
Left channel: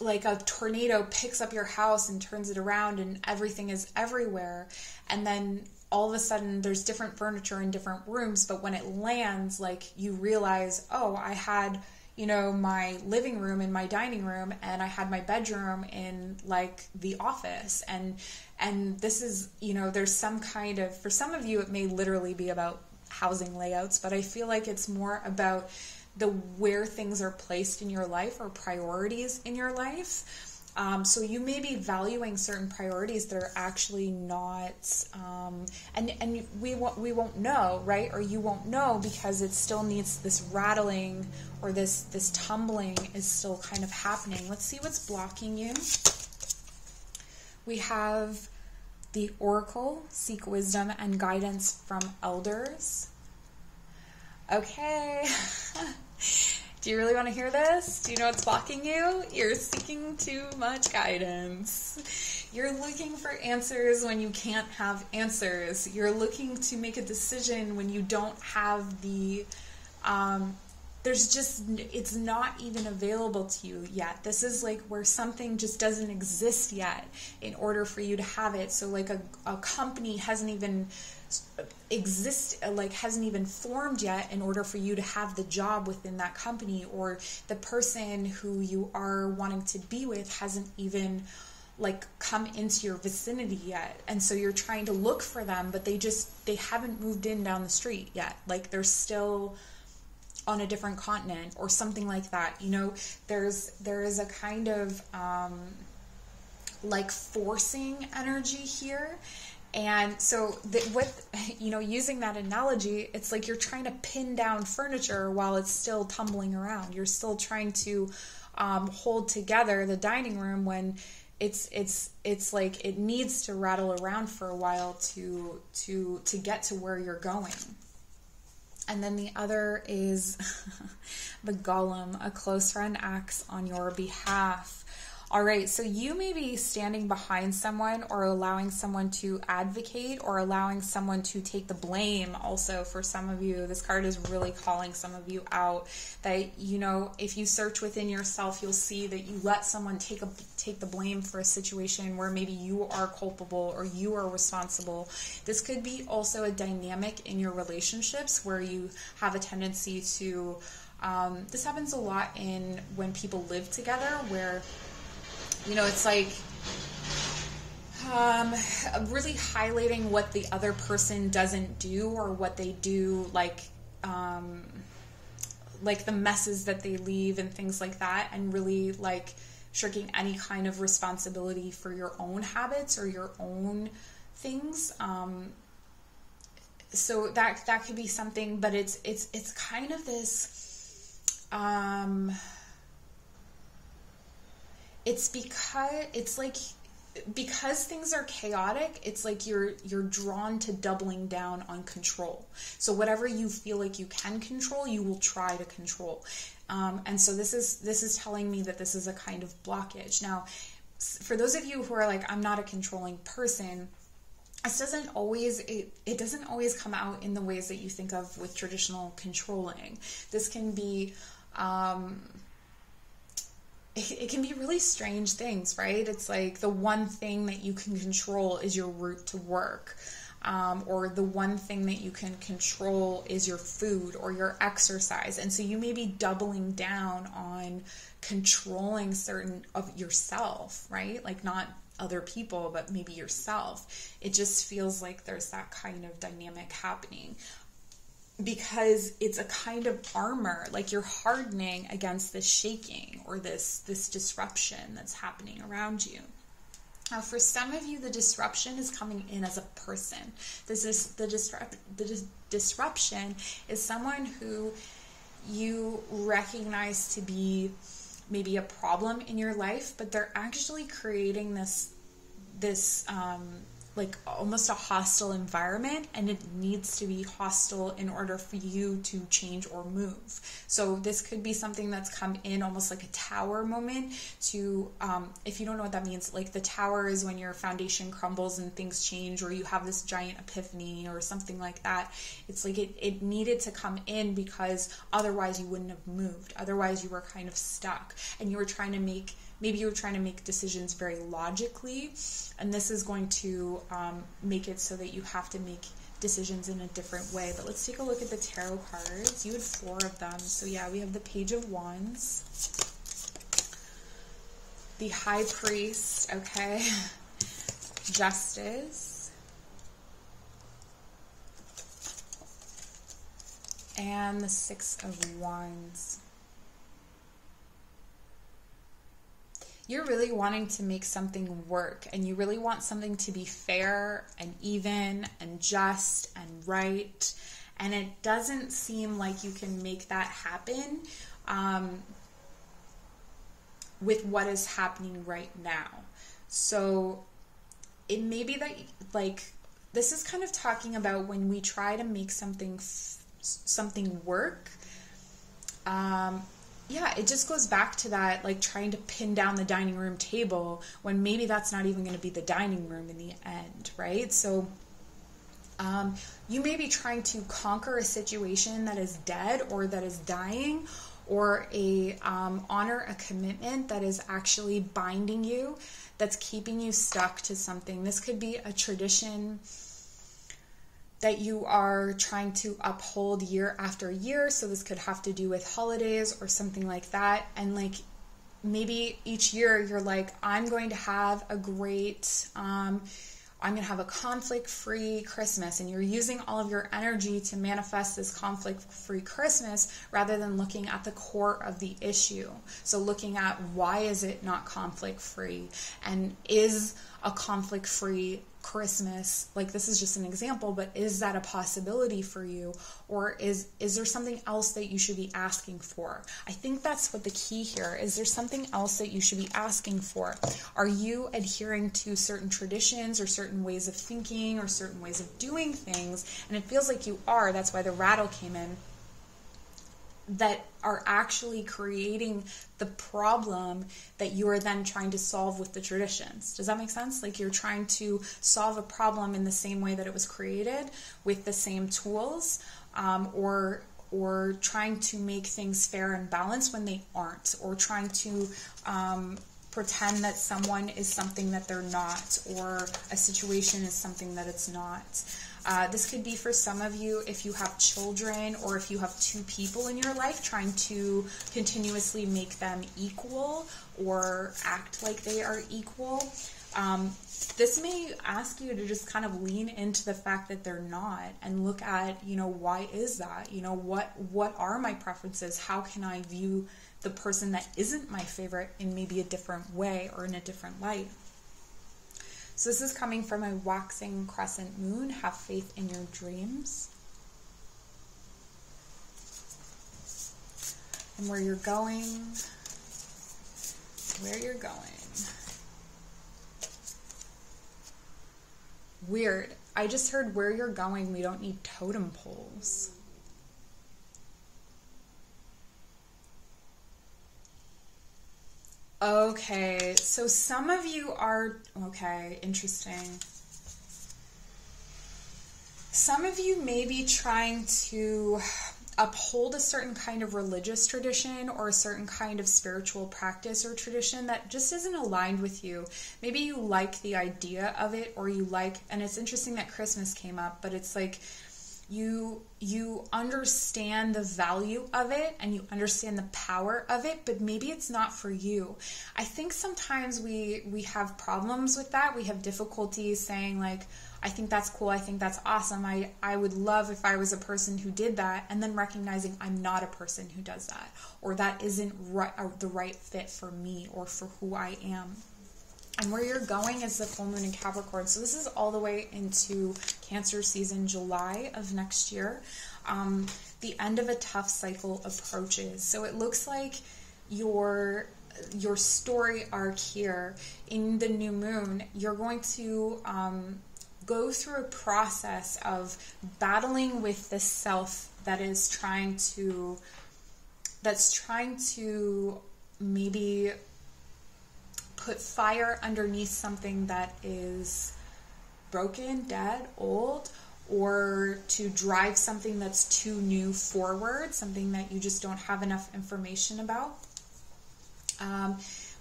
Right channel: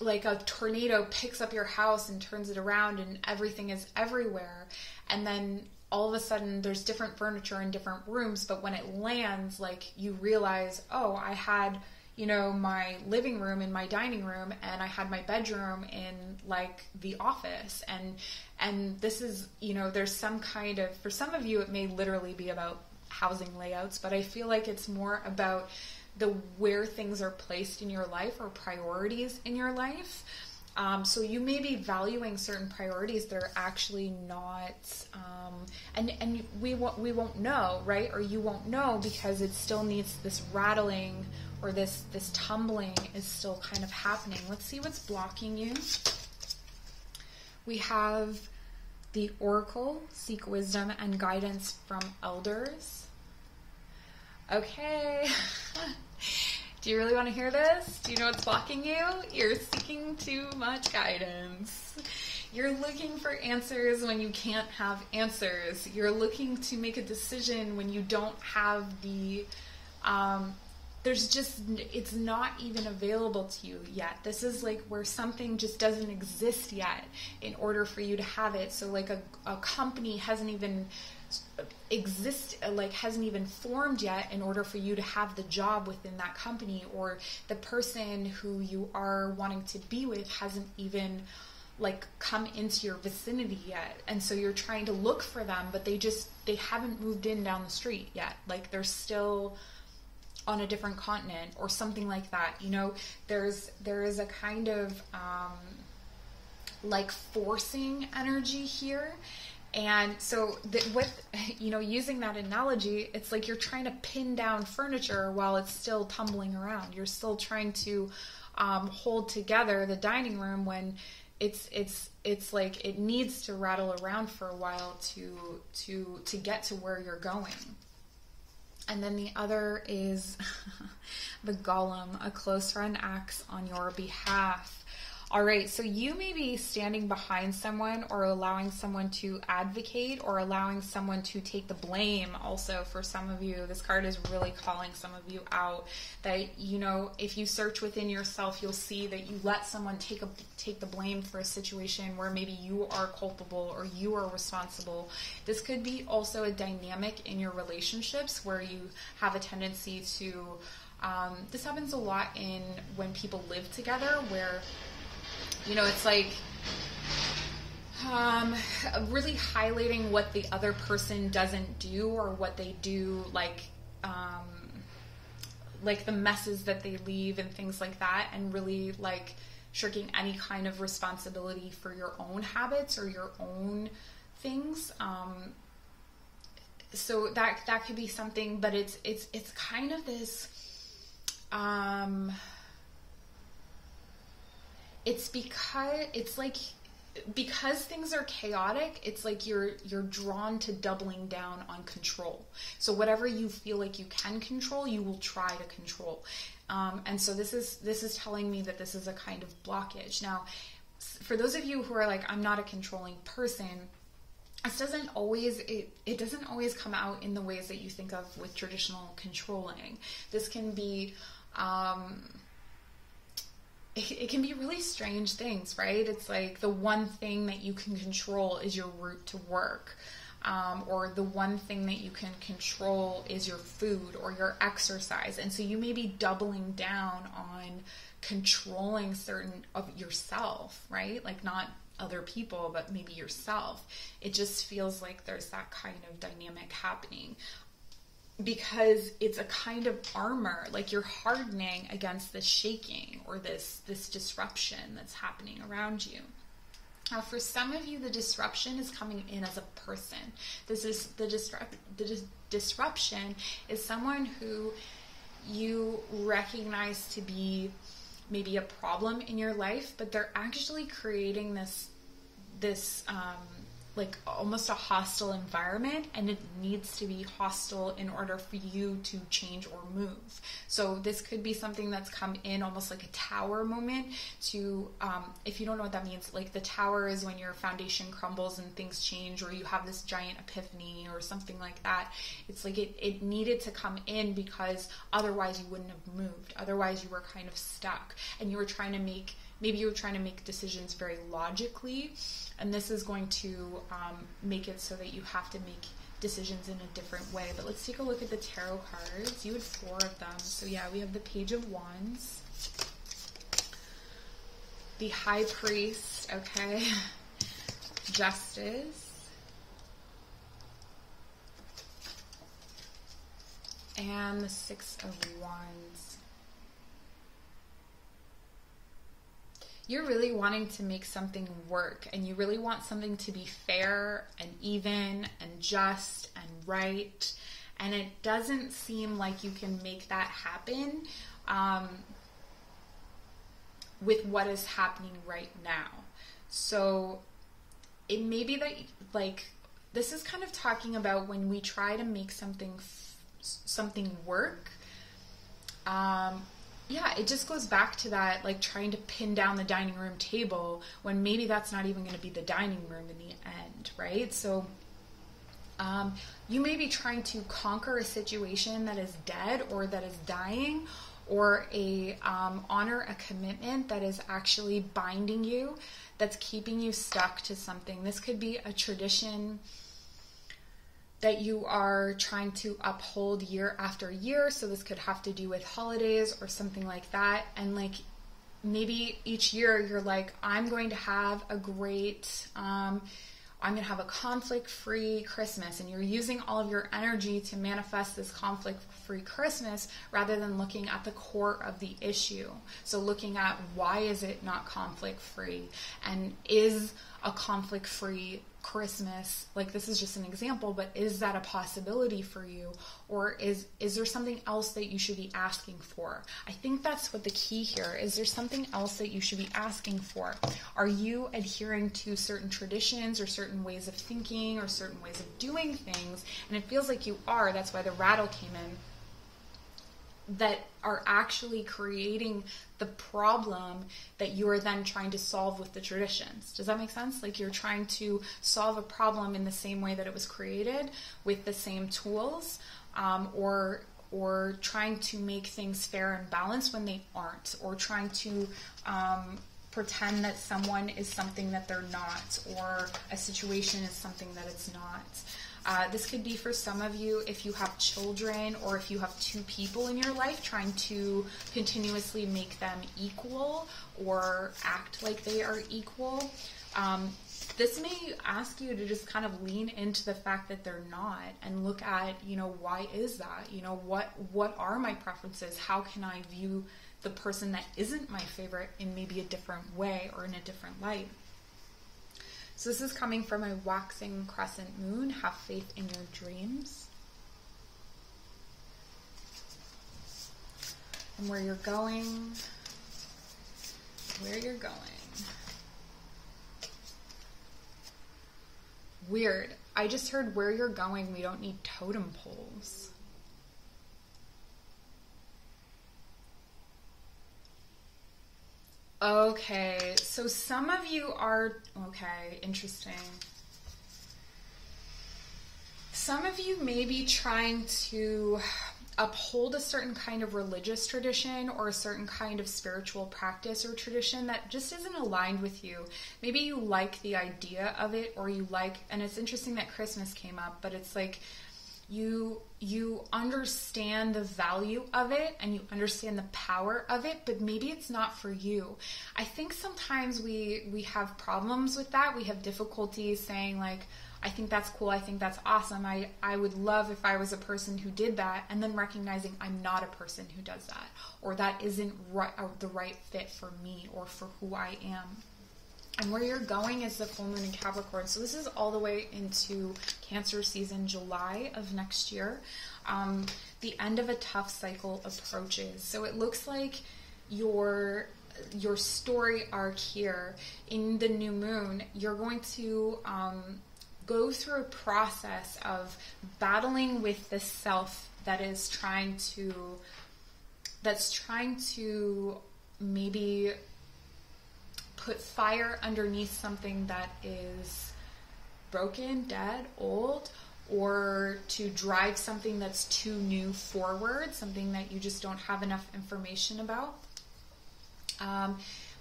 like a tornado picks up your house and turns it around, and everything is everywhere, and then all of a sudden there's different furniture in different rooms, but when it lands, like you realize, oh, I had, you know, my living room and my dining room, and I had my bedroom in like the office, and this is, you know, there's some kind of, for some of you it may literally be about housing layouts, but I feel like it's more about where things are placed in your life or priorities in your life. So you may be valuing certain priorities that are actually not, and we won't know, right? Or you won't know because it still needs this rattling, or this tumbling is still kind of happening. Let's see what's blocking you. We have the Oracle, seek wisdom and guidance from elders. Okay. Do you really want to hear this? Do you know what's blocking you? You're seeking too much guidance. You're looking for answers when you can't have answers. You're looking to make a decision when you don't have the, it's not even available to you yet. This is like where something just doesn't exist yet in order for you to have it. So like a company hasn't even hasn't even formed yet in order for you to have the job within that company, or the person who you are wanting to be with hasn't even like come into your vicinity yet. And so you're trying to look for them, but they haven't moved in down the street yet. Like they're still on a different continent or something like that. You know, there is a kind of like forcing energy here. And so using that analogy, it's like you're trying to pin down furniture while it's still tumbling around. You're still trying to hold together the dining room when it's like it needs to rattle around for a while to get to where you're going. And then the other is the Golem, a close friend acts on your behalf. All right, so you may be standing behind someone or allowing someone to advocate or allowing someone to take the blame. Also, for some of you, this card is really calling some of you out. That, you know, if you search within yourself, you'll see that you let someone take the blame for a situation where maybe you are culpable or you are responsible. This could be also a dynamic in your relationships where you have a tendency to, this happens a lot when people live together, where you know, it's like really highlighting what the other person doesn't do or what they do, like the messes that they leave and things like that, and really like shirking any kind of responsibility for your own habits or your own things. So that could be something, but it's kind of this. It's because things are chaotic, it's like you're drawn to doubling down on control. So whatever you feel like you can control, you will try to control. And so this is telling me that this is a kind of blockage. Now, for those of you who are like, I'm not a controlling person, it doesn't always come out in the ways that you think of with traditional controlling. This can be it can be really strange things, right? It's like the one thing that you can control is your route to work, or the one thing that you can control is your food or your exercise. And so you may be doubling down on controlling certain of yourself, right? Like not other people, but maybe yourself. It just feels like there's that kind of dynamic happening, because it's a kind of armor, like you're hardening against this shaking or this disruption that's happening around you. Now, for some of you, the disruption is coming in as a person. This is the disruption is someone who you recognize to be maybe a problem in your life, but they're actually creating this like almost a hostile environment, and it needs to be hostile in order for you to change or move. So this could be something that's come in almost like a tower moment to, if you don't know what that means, like the tower is when your foundation crumbles and things change, or you have this giant epiphany or something like that. It's like it needed to come in because otherwise you wouldn't have moved. Otherwise you were kind of stuck, and you were trying to make decisions very logically, and this is going to make it so that you have to make decisions in a different way. But let's take a look at the tarot cards. You had 4 of them. So yeah, we have the Page of Wands, the High Priest, okay, Justice, and the Six of Wands. You're really wanting to make something work, and you really want something to be fair and even and just and right. And it doesn't seem like you can make that happen with what is happening right now. So it may be that, like, this is kind of talking about when we try to make something work. Yeah, it just goes back to that, like trying to pin down the dining room table when maybe that's not even going to be the dining room in the end, right? So you may be trying to conquer a situation that is dead or that is dying, or honor a commitment that is actually binding you, that's keeping you stuck to something. This could be a tradition that you are trying to uphold year after year. So this could have to do with holidays or something like that. And like maybe each year you're like, I'm going to have a great, I'm going to have a conflict-free Christmas, and you're using all of your energy to manifest this conflict-free Christmas rather than looking at the core of the issue. So looking at why is it not conflict-free, and is a conflict-free Christmas, like this is just an example, but is that a possibility for you, or is there something else that you should be asking for? I think that's what the key here is. There something else that you should be asking for? Are you adhering to certain traditions or certain ways of thinking or certain ways of doing things? And it feels like you are. That's why the rattle came in. That are actually creating the problem that you are then trying to solve with the traditions. Does that make sense? Like you're trying to solve a problem in the same way that it was created with the same tools, or trying to make things fair and balanced when they aren't, or trying to pretend that someone is something that they're not, or a situation is something that it's not. This could be for some of you if you have children, or if you have two people in your life, trying to continuously make them equal or act like they are equal. This may ask you to just kind of lean into the fact that they're not, and look at, why is that? What are my preferences? How can I view the person that isn't my favorite in maybe a different way or in a different light? So this is coming from a waxing crescent moon. Have faith in your dreams. And where you're going. Where you're going. Weird. I just heard where you're going, we don't need totem poles. Okay, so some of you are, okay, interesting. Some of you may be trying to uphold a certain kind of religious tradition or a certain kind of spiritual practice or tradition that just isn't aligned with you. Maybe you like the idea of it, or you like, and it's interesting that Christmas came up, but it's like you understand the value of it and you understand the power of it, but maybe it's not for you. I think sometimes we have problems with that. We have difficulties saying like, I think that's cool, I think that's awesome, I would love if I was a person who did that, and then recognizing I'm not a person who does that, or that isn't the right fit for me or for who I am. And where you're going is the full moon in Capricorn. So this is all the way into Cancer season, July of next year. The end of a tough cycle approaches. So it looks like your story arc here in the new moon, you're going to go through a process of battling with the self that is trying to maybe put fire underneath something that is broken, dead, old, or to drive something that's too new forward, something that you just don't have enough information about.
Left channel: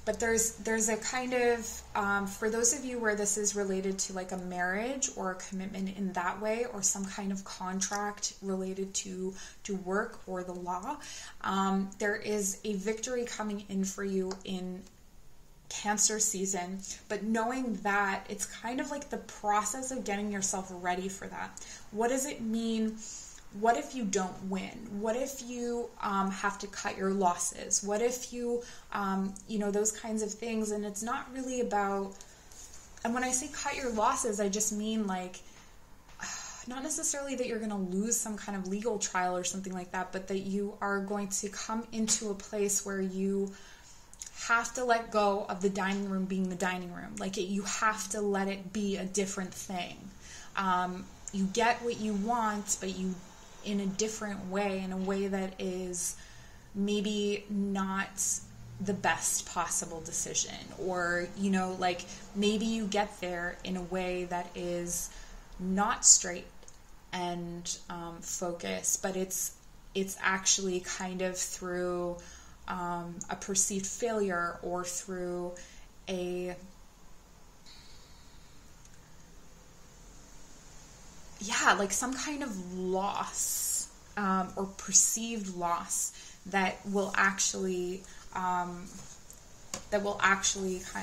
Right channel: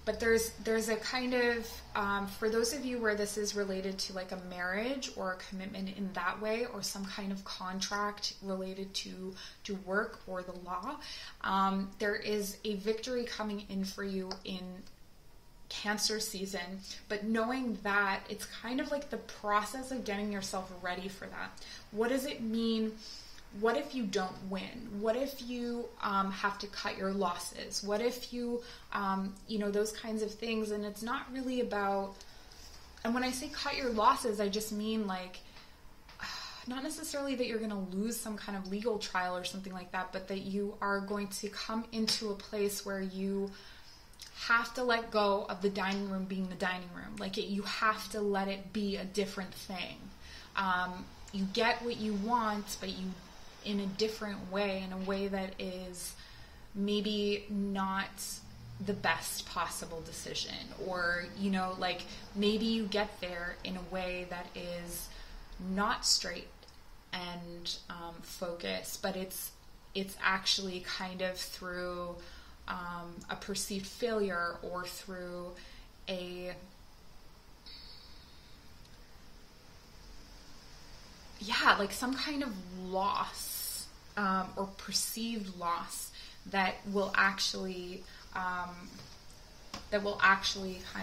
But there's a kind of, for those of you where this is related to like a marriage or a commitment in that way, or some kind of contract related to work or the law, there is a victory coming in for you in Cancer season, but knowing that it's kind of like the process of getting yourself ready for that. What does it mean what if you don't win? What if you have to cut your losses? What if you, you know, those kinds of things. And it's not really about, and when I say cut your losses, I just mean like, not necessarily that you're going to lose some kind of legal trial or something like that, but that you are going to come into a place where you have to let go of the dining room being the dining room. Like you have to let it be a different thing. You get what you want, but you, in a different way, in a way that is maybe not the best possible decision, or, you know, like maybe you get there in a way that is not straight and focused, but it's actually kind of through a perceived failure, or through a, yeah, like some kind of loss, or perceived loss that will actually kind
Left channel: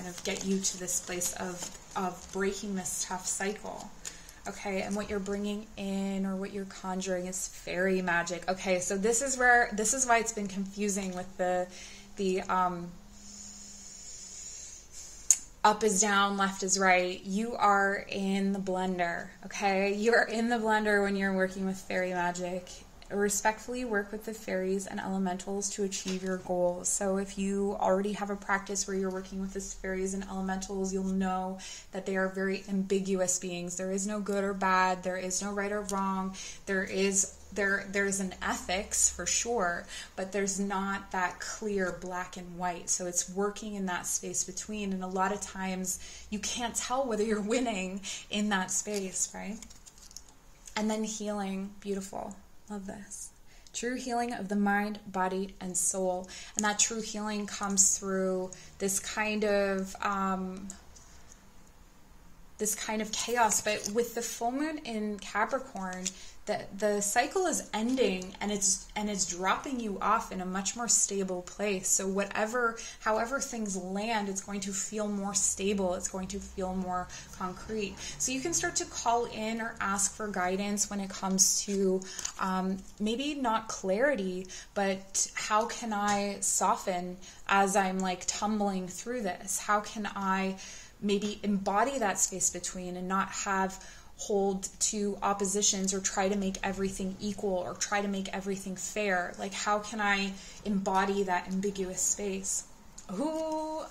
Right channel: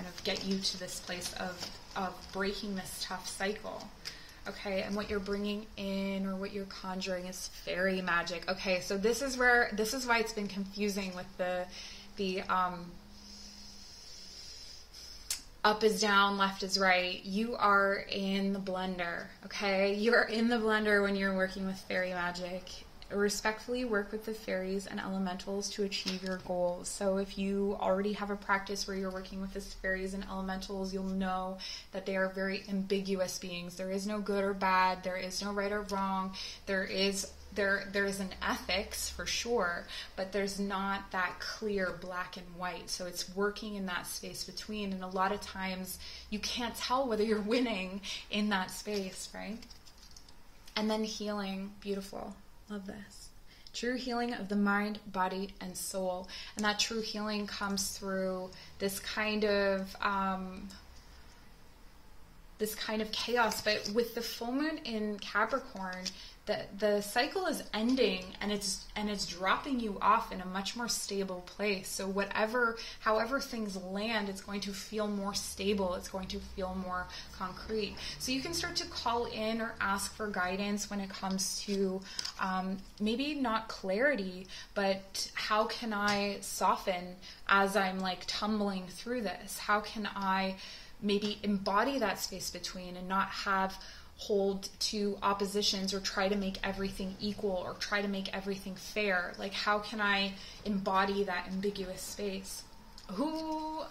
of get you to this place of breaking this tough cycle. Okay, and what you're bringing in, or what you're conjuring, is fairy magic. Okay, so this is why it's been confusing with the up is down, left is right. You are in the blender, okay? You're in the blender when you're working with fairy magic. Respectfully work with the fairies and elementals to achieve your goals. So if you already have a practice where you're working with the fairies and elementals, you'll know that they are very ambiguous beings. There is no good or bad. There is no right or wrong. There's an ethics for sure, but there's not that clear black and white. So it's working in that space between, and a lot of times you can't tell whether you're winning in that space, right? And then healing, beautiful. Love this. True healing of the mind, body, and soul. And that true healing comes through this kind of chaos. But with the full moon in Capricorn, the cycle is ending, and it's dropping you off in a much more stable place. So however things land, it's going to feel more stable. It's going to feel more concrete. So you can start to call in or ask for guidance when it comes to maybe not clarity, but how can I soften as I'm like tumbling through this? How can I maybe embody that space between and not hold to oppositions, or try to make everything equal, or try to make everything fair? Like, how can I embody that ambiguous space? Ooh,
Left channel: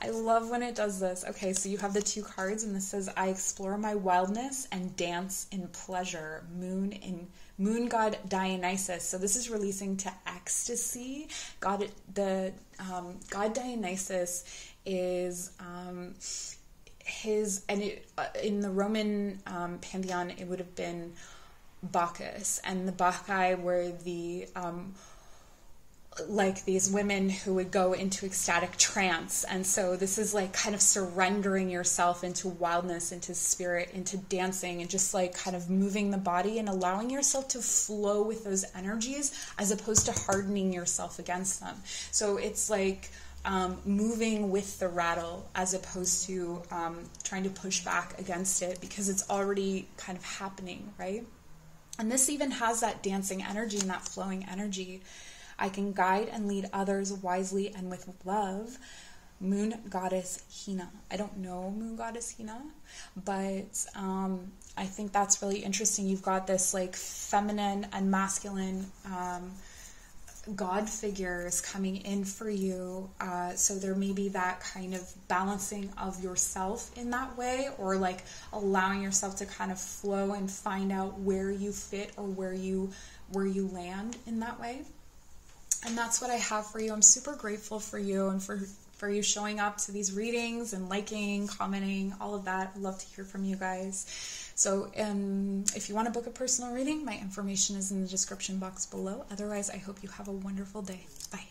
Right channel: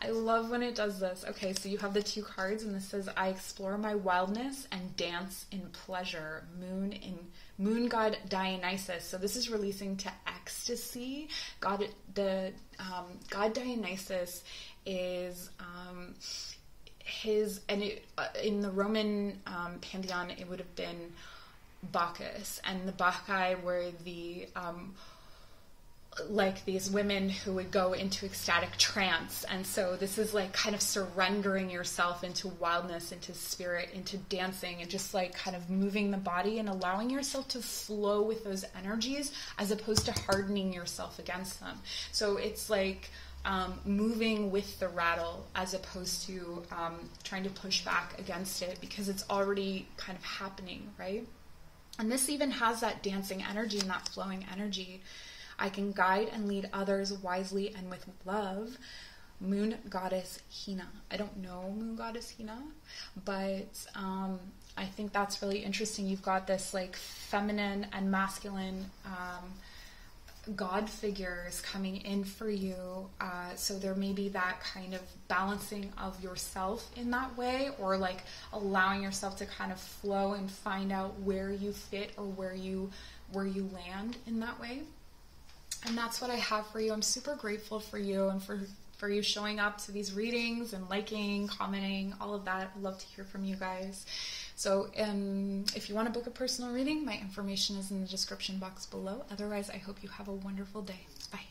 I love when it does this. Okay, so you have the 2 cards, and this says, I explore my wildness and dance in pleasure. Moon god Dionysus. So this is releasing to ecstasy. God Dionysus is in the Roman pantheon, it would have been Bacchus, and the Bacchae were the like these women who would go into ecstatic trance. And so this is like kind of surrendering yourself into wildness, into spirit, into dancing, and just like kind of moving the body and allowing yourself to flow with those energies, as opposed to hardening yourself against them. So it's like moving with the rattle, as opposed to trying to push back against it, because it's already kind of happening, right? And this even has that dancing energy and that flowing energy. I can guide and lead others wisely and with love. Moon goddess Hina. I don't know Moon goddess Hina, but I think that's really interesting. You've got this like feminine and masculine God figures coming in for you, so there may be that kind of balancing of yourself in that way, or like allowing yourself to kind of flow and find out where you fit, or where you land in that way. And that's what I have for you. I'm super grateful for you, and for you showing up to these readings and liking, commenting, all of that. I'd love to hear from you guys. So if you want to book a personal reading, my information is in the description box below. Otherwise, I hope you have a wonderful day. Bye.